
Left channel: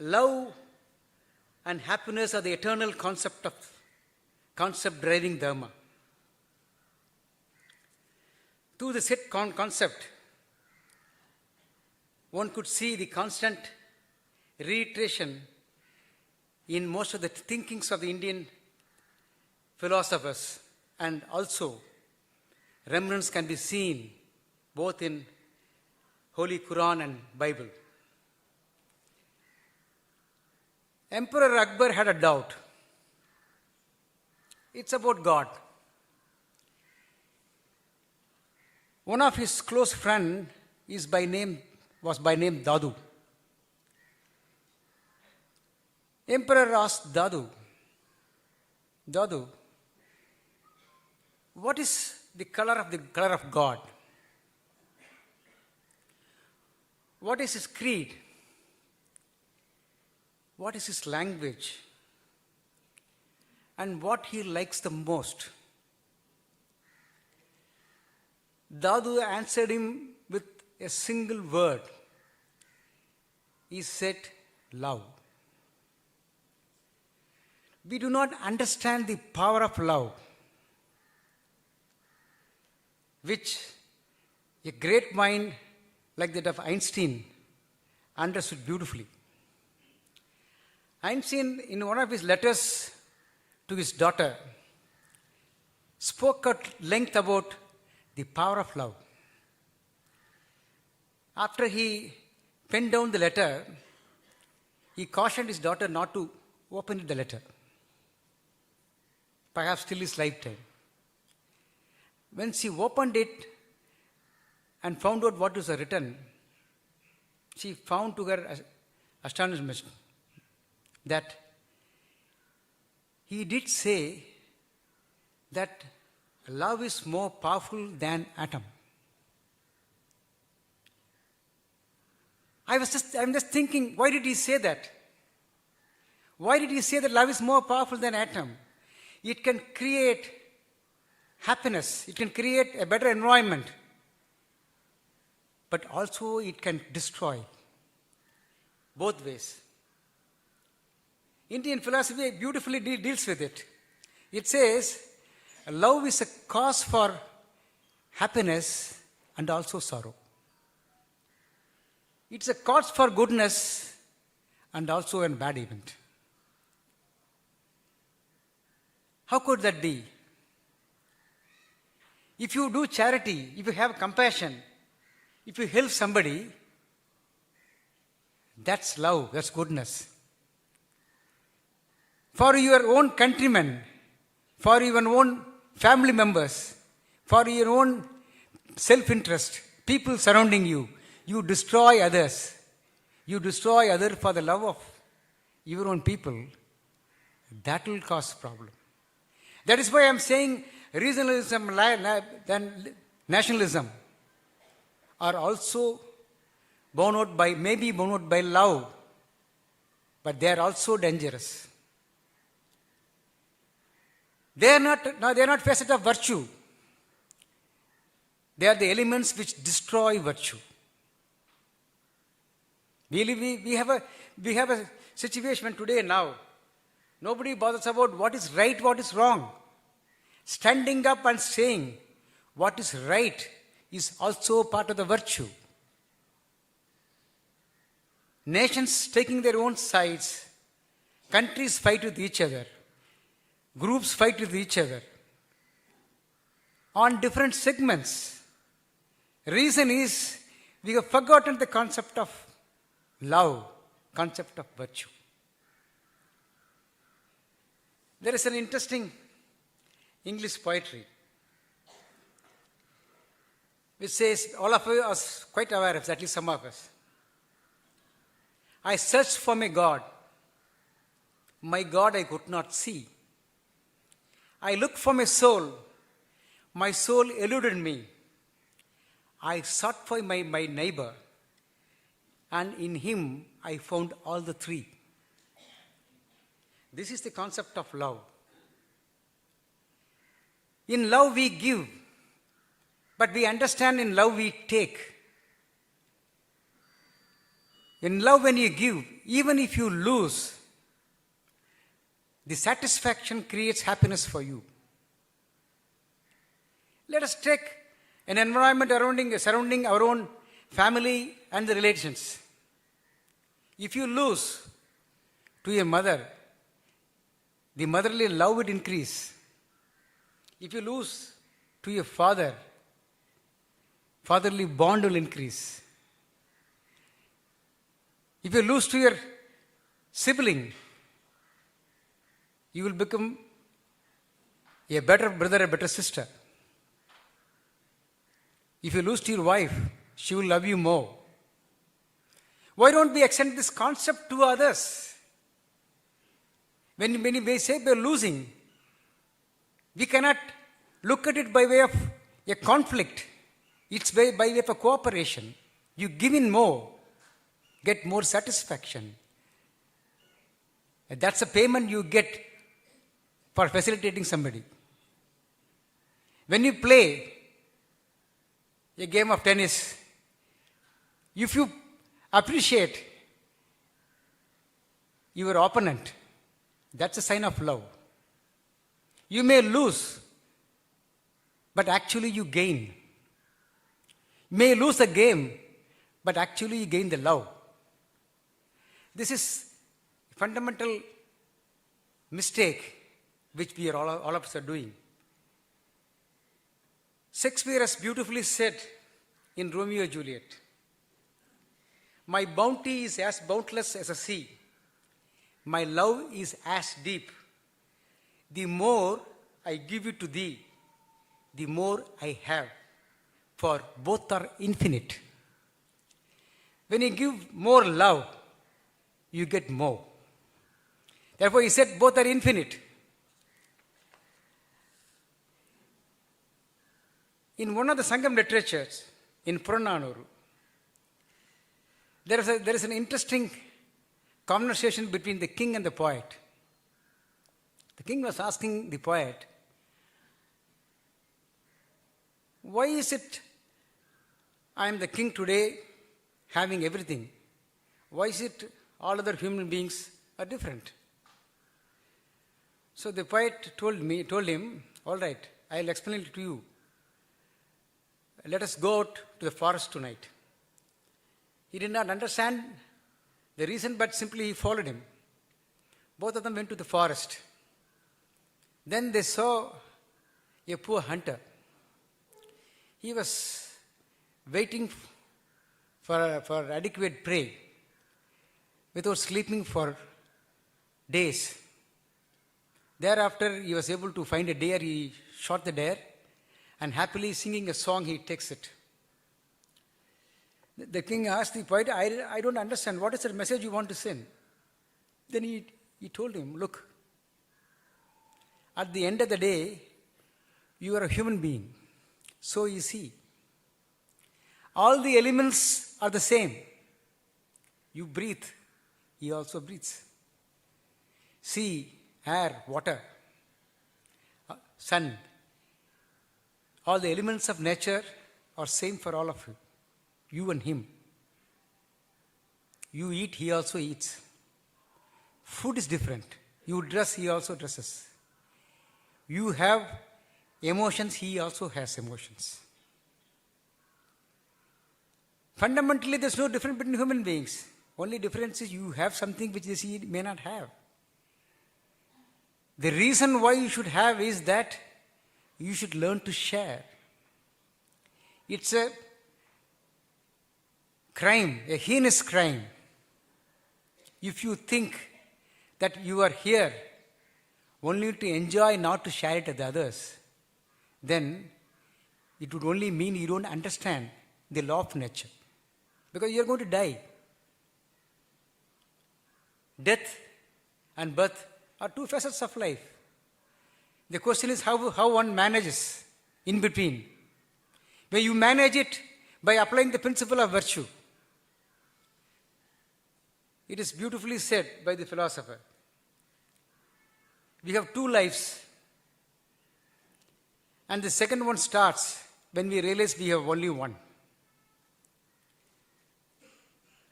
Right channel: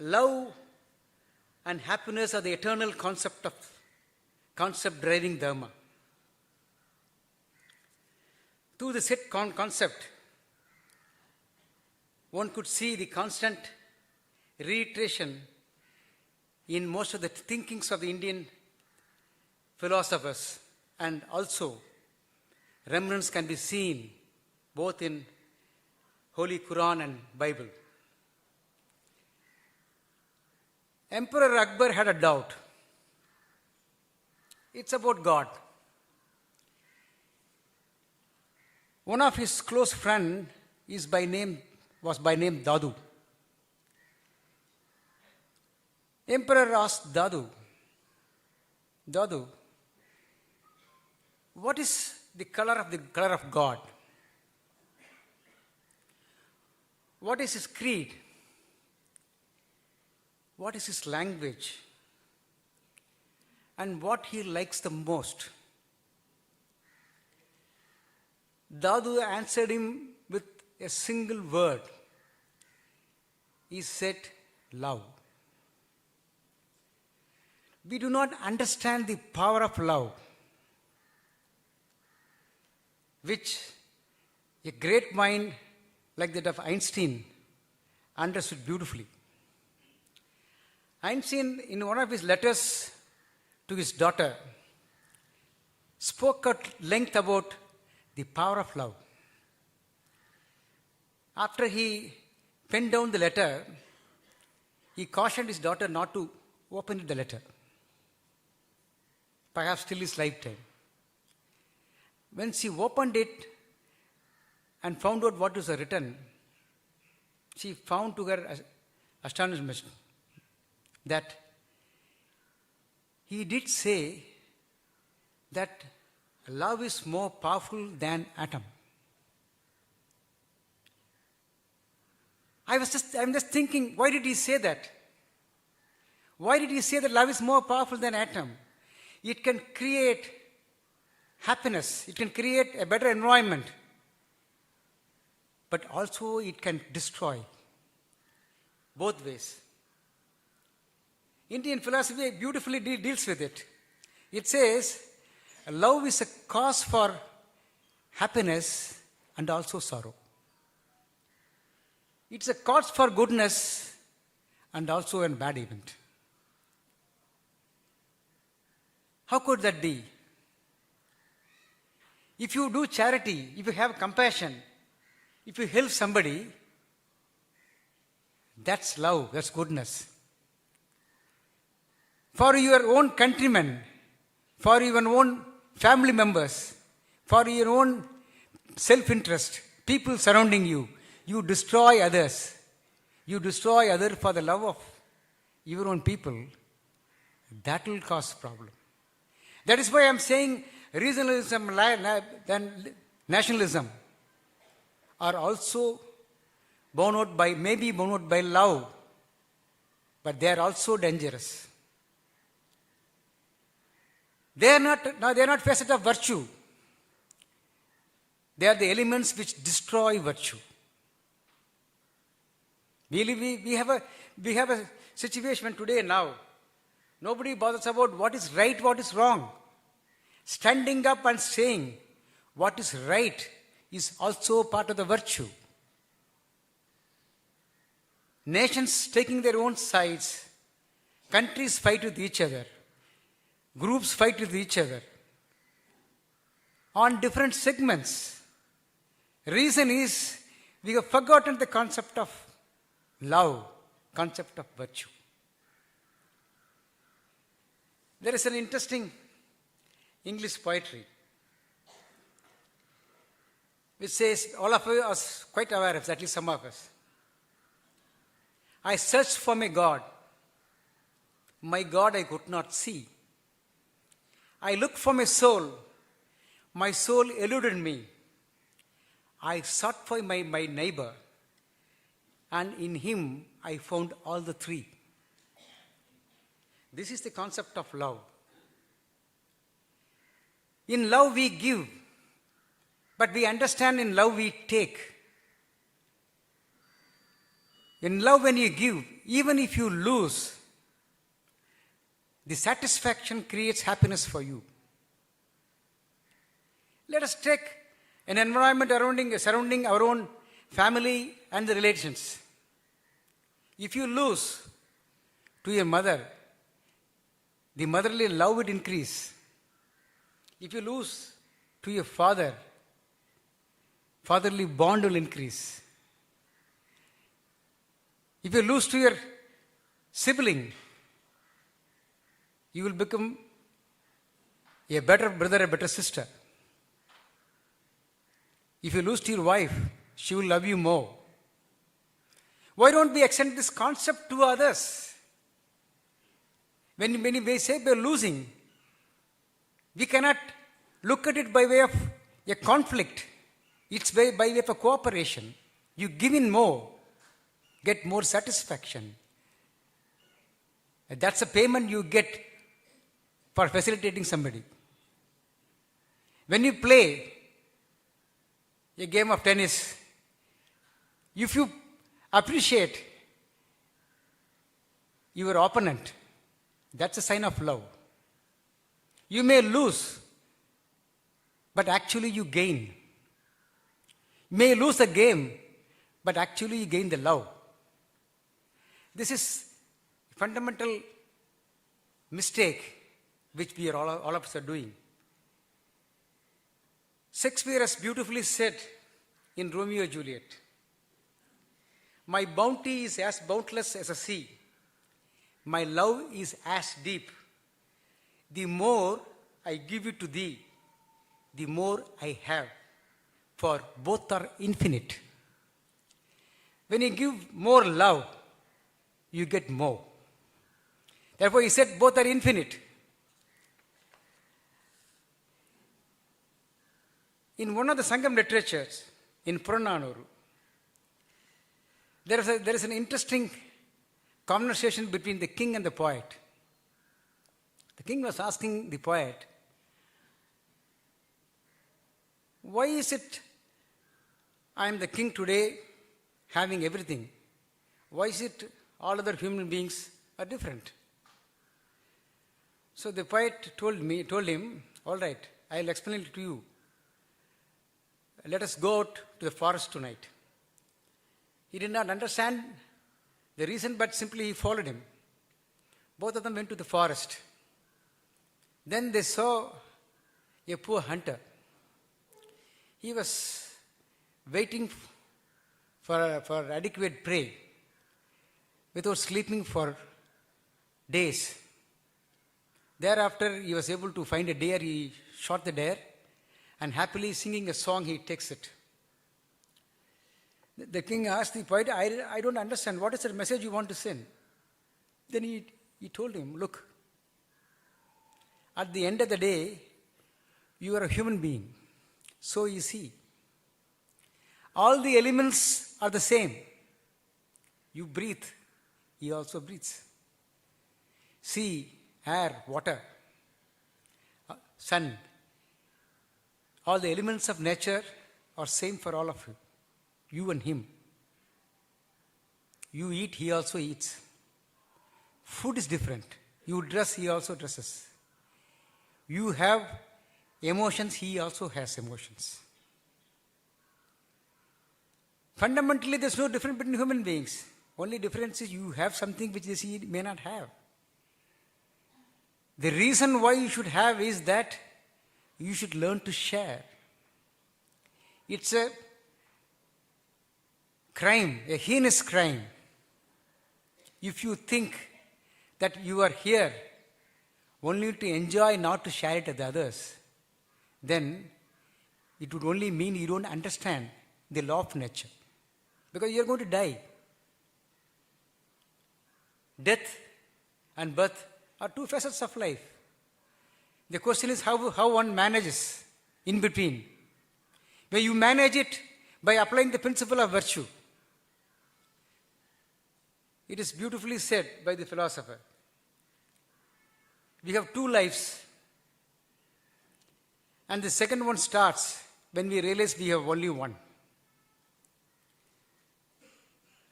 Love and happiness are the eternal concept driving Dharma. Through the set concept, one could see the constant reiteration in most of the thinkings of the Indian philosophers, and also remnants can be seen both in Holy Quran and Bible. Emperor Akbar had a doubt. It's about God. One of his close friends was by name Dadu. Emperor asked Dadu, what is the color of God? What is his creed? What is his language? And what he likes the most? Dadu answered him with a single word. He said, love. We do not understand the power of love, which a great mind like that of Einstein understood beautifully. Einstein, in one of his letters to his daughter, spoke at length about the power of love. After he penned down the letter, he cautioned his daughter not to open the letter, perhaps till his lifetime. When she opened it and found out what was written, she found to her astonishment that he did say that love is more powerful than atom. I'm just thinking, why did he say that? Why did he say that love is more powerful than atom? It can create happiness, it can create a better environment, but also it can destroy, both ways. Indian philosophy beautifully deals with it. It says, love is a cause for happiness and also sorrow. It's a cause for goodness and also a bad event. How could that be? If you do charity, if you have compassion, if you help somebody, that's love, that's goodness. For your own countrymen, for your own family members, for your own self-interest, people surrounding you, you destroy others. You destroy others for the love of your own people. That will cause problem. That is why I am saying regionalism and nationalism are also born out by love, but they are also dangerous. They are not facets of virtue. They are the elements which destroy virtue. We have a situation today now. Nobody bothers about what is right, what is wrong. Standing up and saying what is right is also part of the virtue. Nations taking their own sides, countries fight with each other, groups fight with each other on different segments. Reason is we have forgotten the concept of love, concept of virtue. There is an interesting English poetry which says, all of you are quite aware of, at least some of us. I searched for my God. My God I could not see. I looked for my soul. My soul eluded me. I sought for my neighbor, and in him I found all the three. This is the concept of love. In love we give, but we understand in love we take. In love, when you give, even if you lose, the satisfaction creates happiness for you. Let us take an environment surrounding our own family and the relations. If you lose to your mother, the motherly love would increase. If you lose to your father, fatherly bond will increase. If you lose to your sibling, you will become a better brother, a better sister. If you lose to your wife, she will love you more. Why don't we extend this concept to others? When we say we are losing, we cannot look at it by way of a conflict. It's by way of a cooperation. You give in more, get more satisfaction. And that's a payment you get for facilitating somebody. When you play a game of tennis, if you appreciate your opponent, that's a sign of love. You may lose, but actually you gain. You may lose the game, but actually you gain the love. This is a fundamental mistake which we are all of us are doing. Shakespeare has beautifully said in Romeo and Juliet, "My bounty is as boundless as a sea. My love is as deep. The more I give it to thee, the more I have, for both are infinite." When you give more love, you get more. Therefore, he said both are infinite. In one of the Sangam literatures, in Purananuru, there is an interesting conversation between the king and the poet. The king was asking the poet, "Why is it I am the king today, having everything? Why is it all other human beings are different?" So the poet told him, "All right, I'll explain it to you. Let us go out to the forest tonight." He did not understand the reason, but simply he followed him. Both of them went to the forest. Then they saw a poor hunter. He was waiting for adequate prey without sleeping for days. Thereafter, he was able to find a deer. He shot the deer, and happily singing a song, he takes it. The king asked the poet, I don't understand. What is the message you want to send?" Then he told him, "Look, at the end of the day, you are a human being. So is he. All the elements are the same. You breathe, he also breathes. Sea, air, water, sun, all the elements of nature are same for all of you. You and him. You eat, he also eats. Food is different. You dress, he also dresses. You have emotions, he also has emotions. Fundamentally, there's no difference between human beings. Only difference is you have something which he may not have. The reason why you should have is that you should learn to share. It's a crime, a heinous crime, if you think that you are here only to enjoy, not to share it with others. Then it would only mean you don't understand the law of nature, because you are going to die. death and birth are two facets of life. The question is how one manages in between. Where you manage it by applying the principle of virtue. It is beautifully said by the philosopher. We have two lives, and the second one starts when we realize we have only one.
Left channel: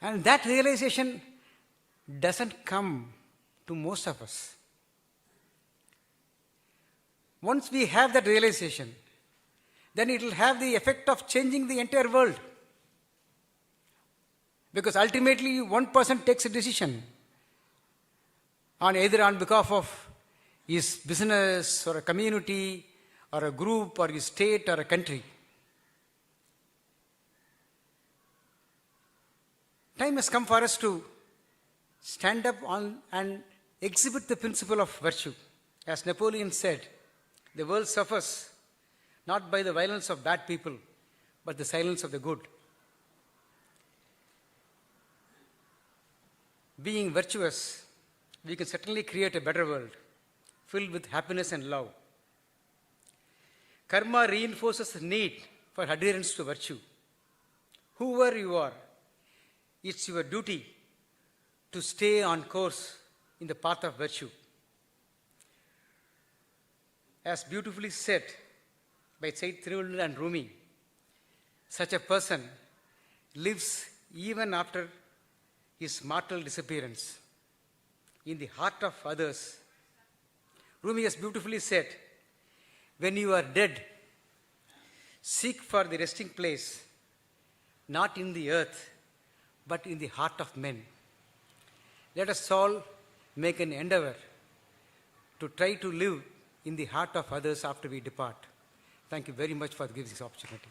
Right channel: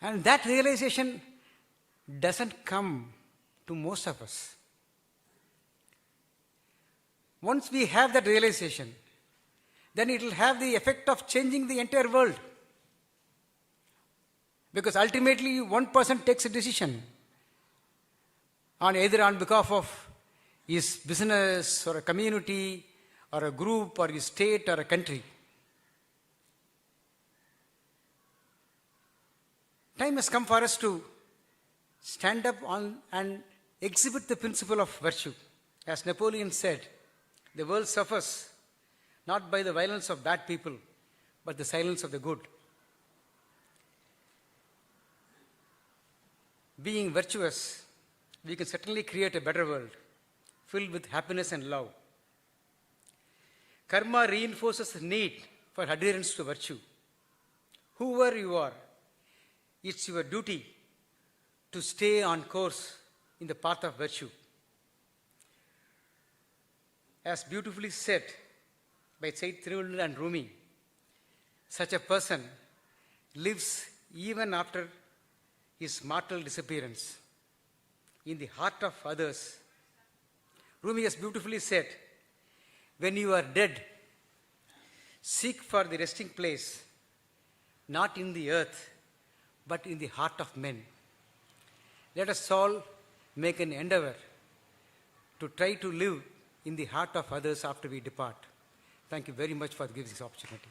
And that realization doesn't come to most of us. Once we have that realization, then it will have the effect of changing the entire world. Because ultimately, one person takes a decision either on behalf of his business or a community or a group or his state or a country. Time has come for us to stand up on and exhibit the principle of virtue. As Napoleon said, the world suffers not by the violence of bad people, but the silence of the good. Being virtuous, we can certainly create a better world filled with happiness and love. Karma reinforces the need for adherence to virtue. Whoever you are, it's your duty to stay on course in the path of virtue. As beautifully said by Sayyid Tirunal and Rumi, such a person lives even after his mortal disappearance in the heart of others. Rumi has beautifully said, when you are dead, seek for the resting place, not in the earth, but in the heart of men. Let us all make an endeavor to try to live in the heart of others after we depart. Thank you very much for giving this opportunity.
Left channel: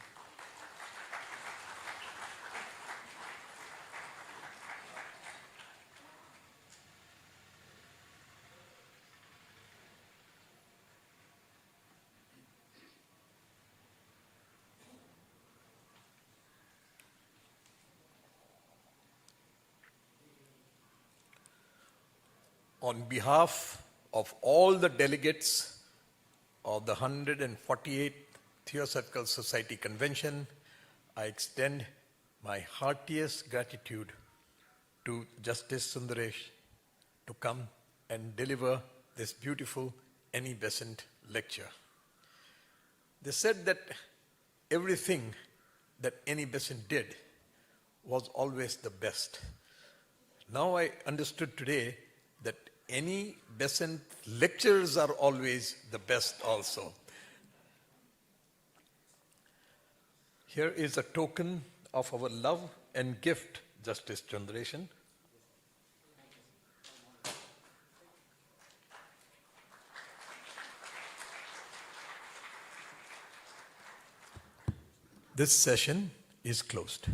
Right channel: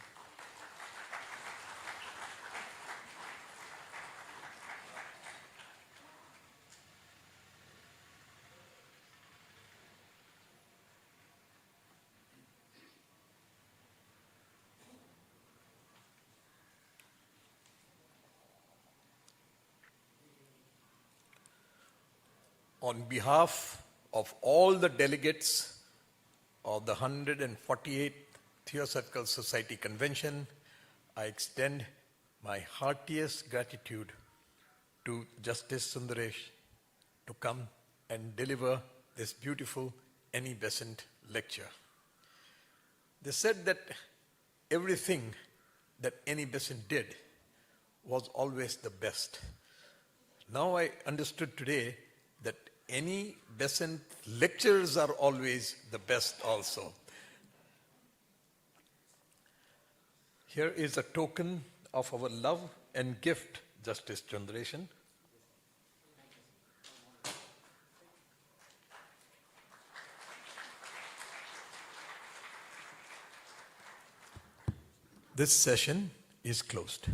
On behalf of all the delegates of the 148th Theosophical Society Convention, I extend my heartiest gratitude to Justice Sundresh to come and deliver this beautiful Any Besant lecture. They said that everything that Any Besant did was always the best. Now I understood today that Any Besant lectures are always the best also. Here is a token of our love and gift, Justice Sundresh. This session is closed.